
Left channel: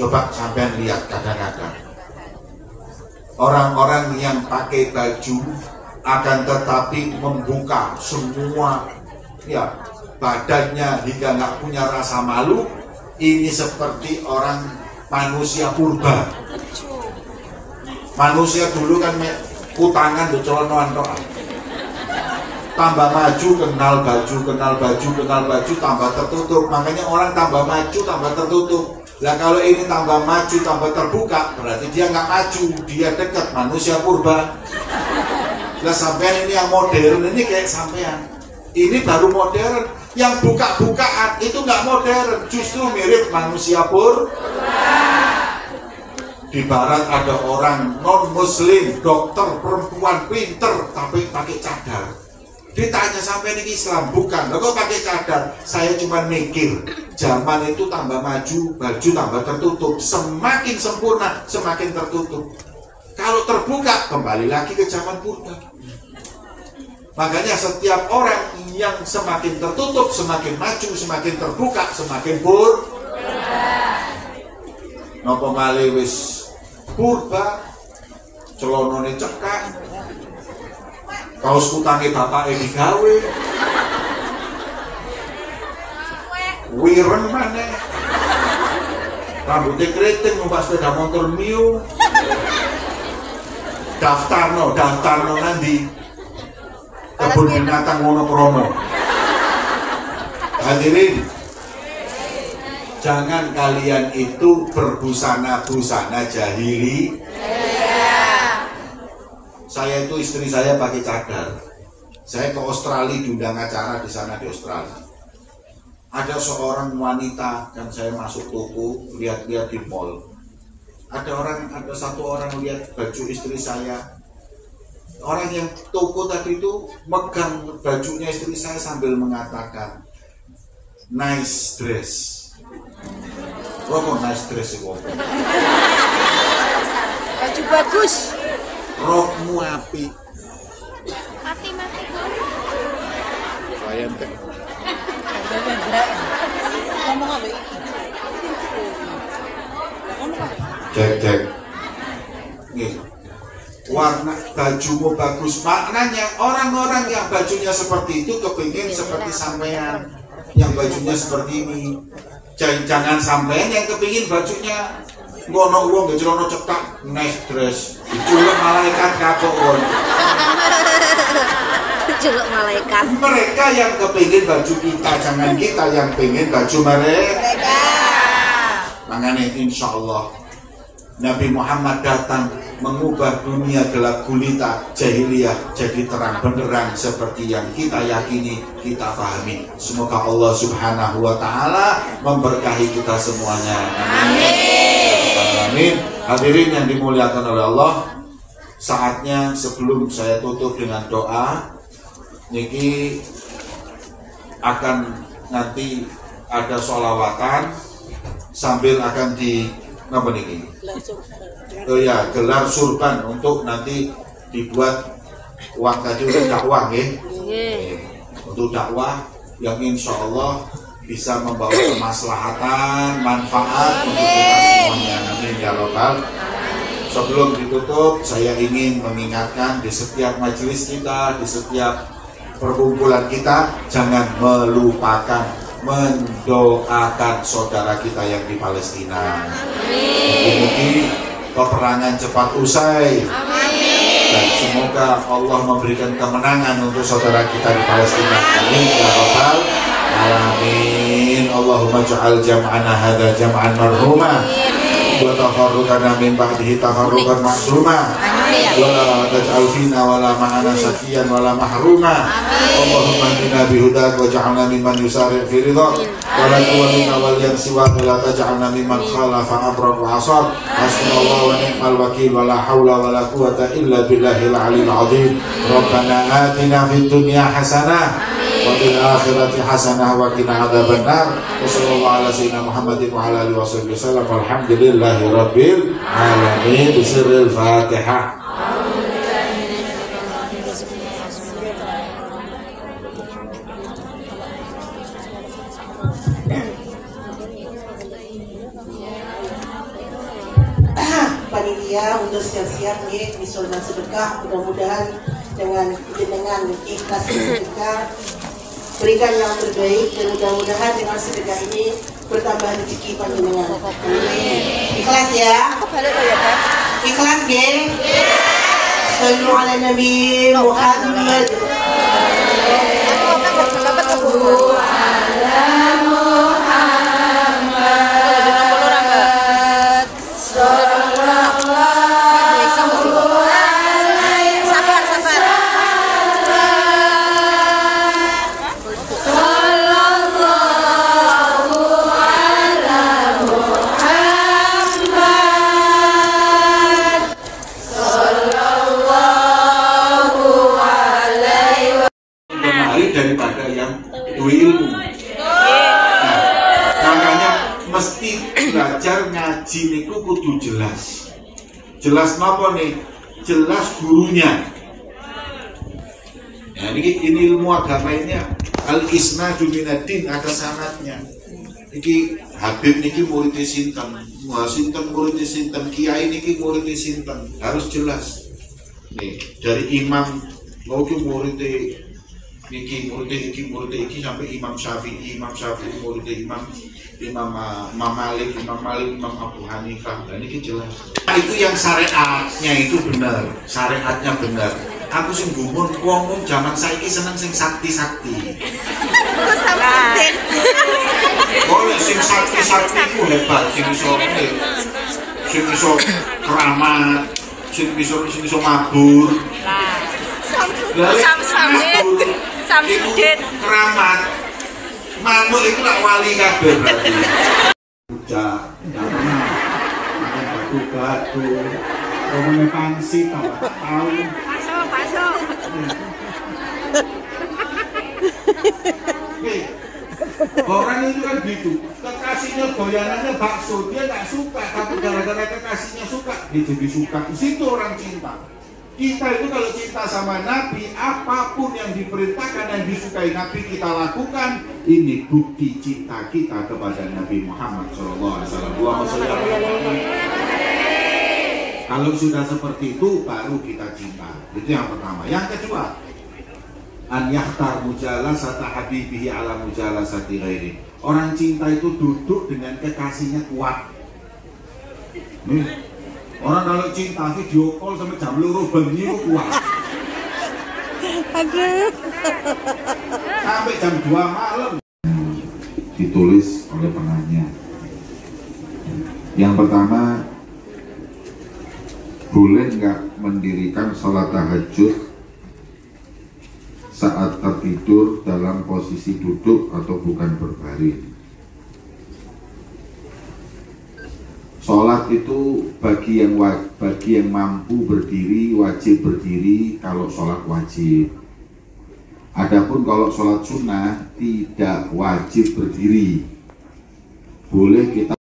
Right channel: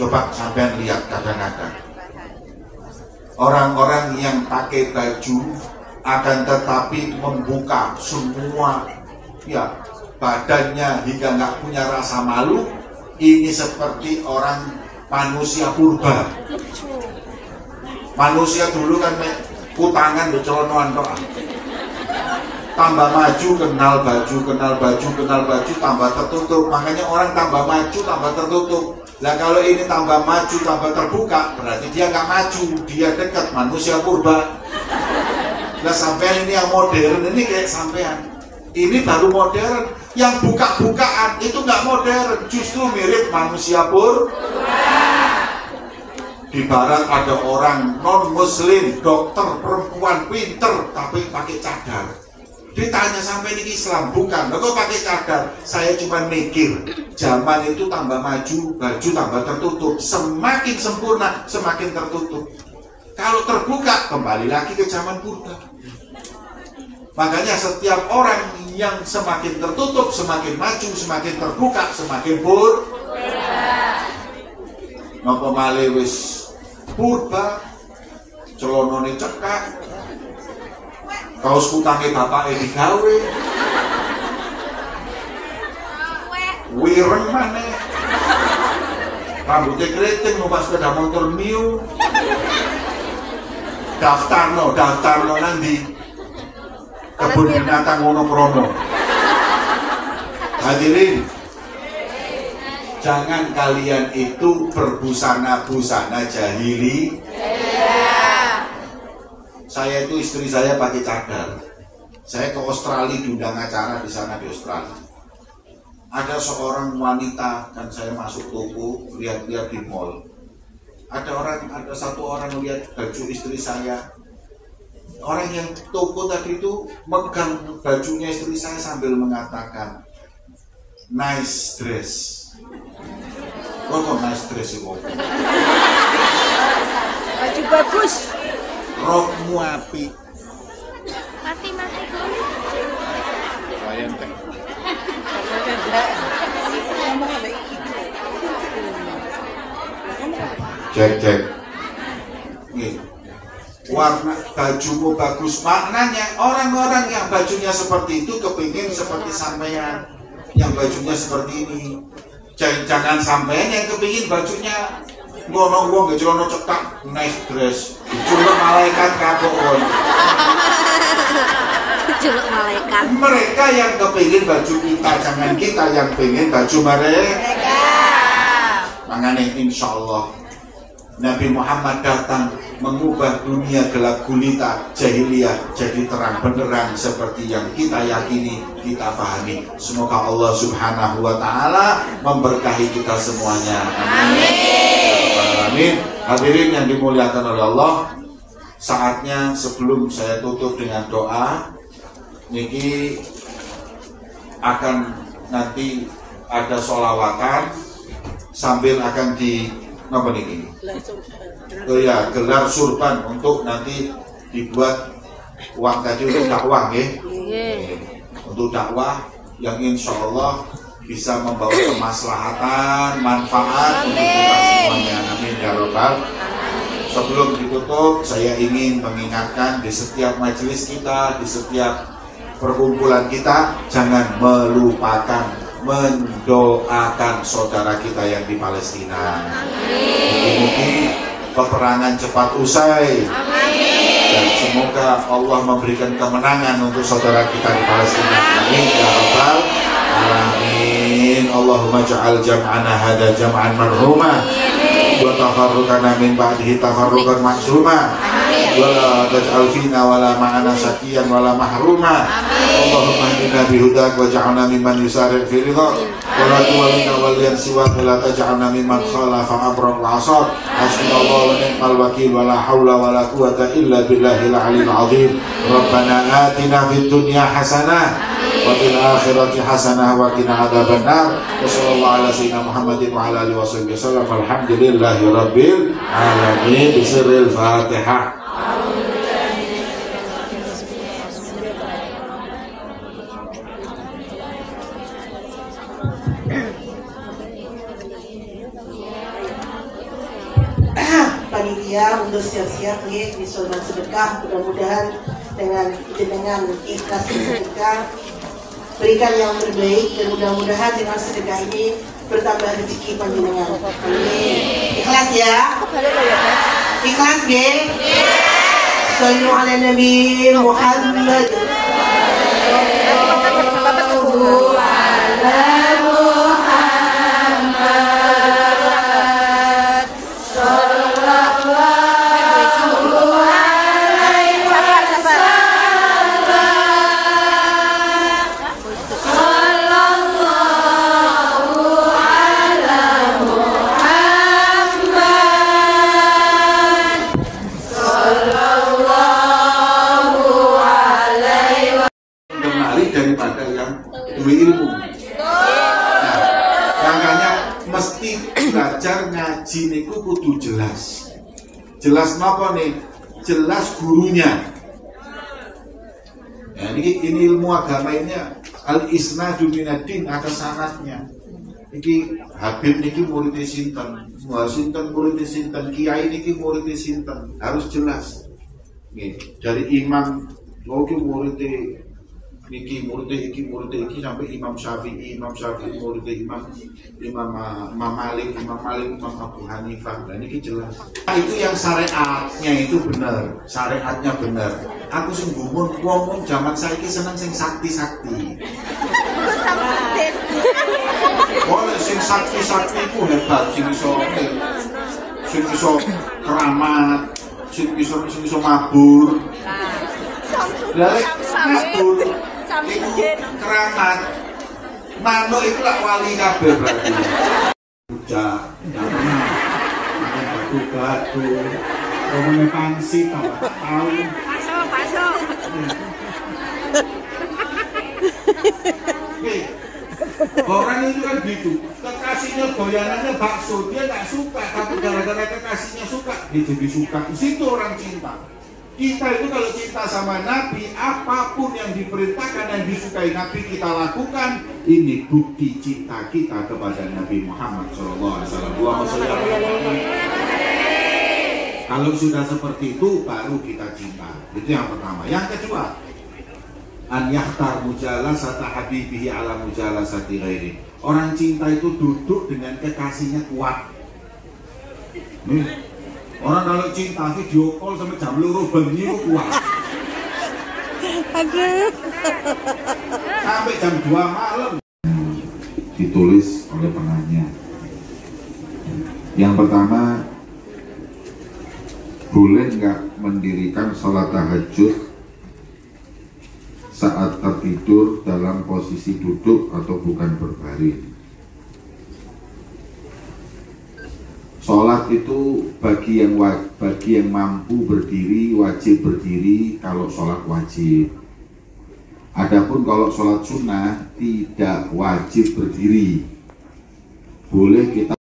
Coba sampean lihat kadang-kadang orang-orang yang pakai baju akan tetapi membuka semua ya badannya hingga nggak punya rasa malu. Ini seperti orang manusia purba. Manusia dulu kan kutangan celonoan doa. Tambah maju kenal baju tambah tertutup. Makanya orang tambah maju tambah tertutup. Nah kalau ini tambah maju tambah terbuka, berarti dia nggak maju, dia dekat manusia purba. Nah sampean ini yang modern, ini kayak sampean. Ini baru modern. Yang buka-bukaan itu nggak modern, justru mirip manusia purba. Di barat ada orang non-muslim, dokter perempuan pinter tapi pakai cadar. Ditanya sampai ini Islam, bukan. Kok pakai cadar? Saya cuma mikir, zaman itu tambah maju, baju tambah tertutup. Semakin sempurna, semakin tertutup. Kalau terbuka, kembali lagi ke zaman purba. Makanya setiap orang yang semakin tertutup, semakin maju, semakin terbuka, semakin purba. Napa malih wis purba, celonone cekak, kaos kutange bapake digawe, wireng maneh, rambutnya keriting numpak sepeda motor Mio, daftarno nanti kebun binatang Wonoprono. Hadirin, jangan kalian itu berbusana-busana jahili. Saya itu istri saya pakai cadar. Saya ke Australia diundang acara di sana di Australia. Ada seorang wanita, kan saya masuk toko, lihat-lihat di mall. Ada satu orang lihat baju istri saya. Orang yang toko tadi itu megang bajunya istri saya sambil mengatakan, nice dress. Oh kok nice dress sih kok? Baju bagus. Rokmu api. Mati. Wayantek. Cek. Nih, warna bajumu bagus. Maknanya orang-orang yang bajunya seperti itu kepingin seperti sampean yang bajunya seperti ini. Jangan sampean yang kepingin bajunya ngono wong ngejelono cetak nice dress. Diculuk malaikat kapok wong. Diculuk malaikat. Mereka yang kepingin baju kita, jangan kita yang pengen baju mereka. Makanya insya Allah Nabi Muhammad datang mengubah dunia gelap gulita jahiliyah jadi terang benderang seperti yang kita yakini, kita pahami. Semoga Allah Subhanahu wa taala memberkahi kita semuanya. Amin. Hadirin yang dimuliakan oleh Allah, saatnya sebelum saya tutup dengan doa, niki akan nanti ada sholawatan sambil akan di apa niki? Oh ya, gelar surban untuk nanti dibuat uang tadi untuk dakwah ya. Untuk dakwah yang insya Allah bisa membawa kemaslahatan, manfaat untuk kita semuanya. Amin ya Rabbal. Sebelum ditutup, saya ingin mengingatkan di setiap majelis kita, di setiap perkumpulan kita, jangan melupakan mendoakan saudara kita yang di Palestina. Mudah-mudahan peperangan cepat usai. Dan semoga Allah memberikan kemenangan untuk saudara kita di Palestina. Amin ya Rabbal alamin. Allahumma ja'al jam'ana hada jam'an marhuma wa tafarruqana min ba'dihi tafarruqan maksuma wa la taj'al fina wa la ma'ana syaqiyan wa la mahruma. Allahumma inna bihudak wa ja'alna mimman yusari' fi ridha wa la tuwallina waliyan siwa wa la taj'alna mimman khalafa abrar wa asad. Hasbunallahu wa ni'mal wakil wa la hawla wa la quwwata illa billahil aliyyil azim. Rabbana atina fid dunya hasanah wa fil akhirati hasanah wa qina adzabannar. Wa sallallahu ala sayyidina Muhammadin wa ala alihi wasallam. Alhamdulillahi rabbil alamin. Bismillahil Fatihah. Panitia untuk siap-siap nih misul dan sedekah, mudah-mudahan dengan ikhlas sedekah berikan yang terbaik dan mudah-mudahan dengan sedekah ini bertambah rezeki panjenengan. Ikhlas ya? Ikhlas nggih? Sallu ala Nabi Muhammad. Daripada yang berilmu. Nah, makanya mesti belajar ngaji niku kudu jelas. Jelas napa nih? Jelas gurunya. Ya, ini ilmu agama ini al-isnadu minad-din, ada sanadnya. Iki Habib niki murid sinten, sinten murid sinten, kiai niki murid sinten, harus jelas. Nih, dari imam, murid Niki murid iki sampai Imam Syafi'i murid Imam Malik, Imam Abu Hanifah. Dan ini jelas. Itu yang syariatnya itu benar, syariatnya benar. Aku sing gumun wong zaman saiki seneng sing sakti-sakti. Oh, sing sakti ku hebat, sing iso keramat, sing iso mabur. Samsudin keramat. Manuk itu tak wali kabeh berarti. Ucap, batu-batu, ngomongnya pangsi, tahu. Masuk. Orang itu kan gitu, kekasihnya goyangannya bakso, dia nggak suka, tapi gara-gara kekasihnya suka, dia jadi suka. Di situ orang cinta. Kita itu kalau cinta sama Nabi, apapun yang diperintahkan dan disukai Nabi kita lakukan. Ini bukti cinta kita kepada Nabi Muhammad SAW. Kalau sudah seperti itu, baru kita cinta. Itu yang pertama. Yang kedua, an yahtar mujalasata habibihi ala mujalasati ghairi. Orang cinta itu duduk dengan kekasihnya kuat. Orang kalau cinta video call sampai jam 2 bengi itu kuat. Aduh. Sampai jam 2 malam. Ditulis oleh penanya. Yang pertama, boleh nggak mendirikan sholat tahajud saat tertidur dalam posisi duduk atau bukan berbaring? Sholat itu bagi yang mampu berdiri, wajib berdiri kalau sholat wajib. Adapun kalau sholat sunnah tidak wajib berdiri. Boleh kita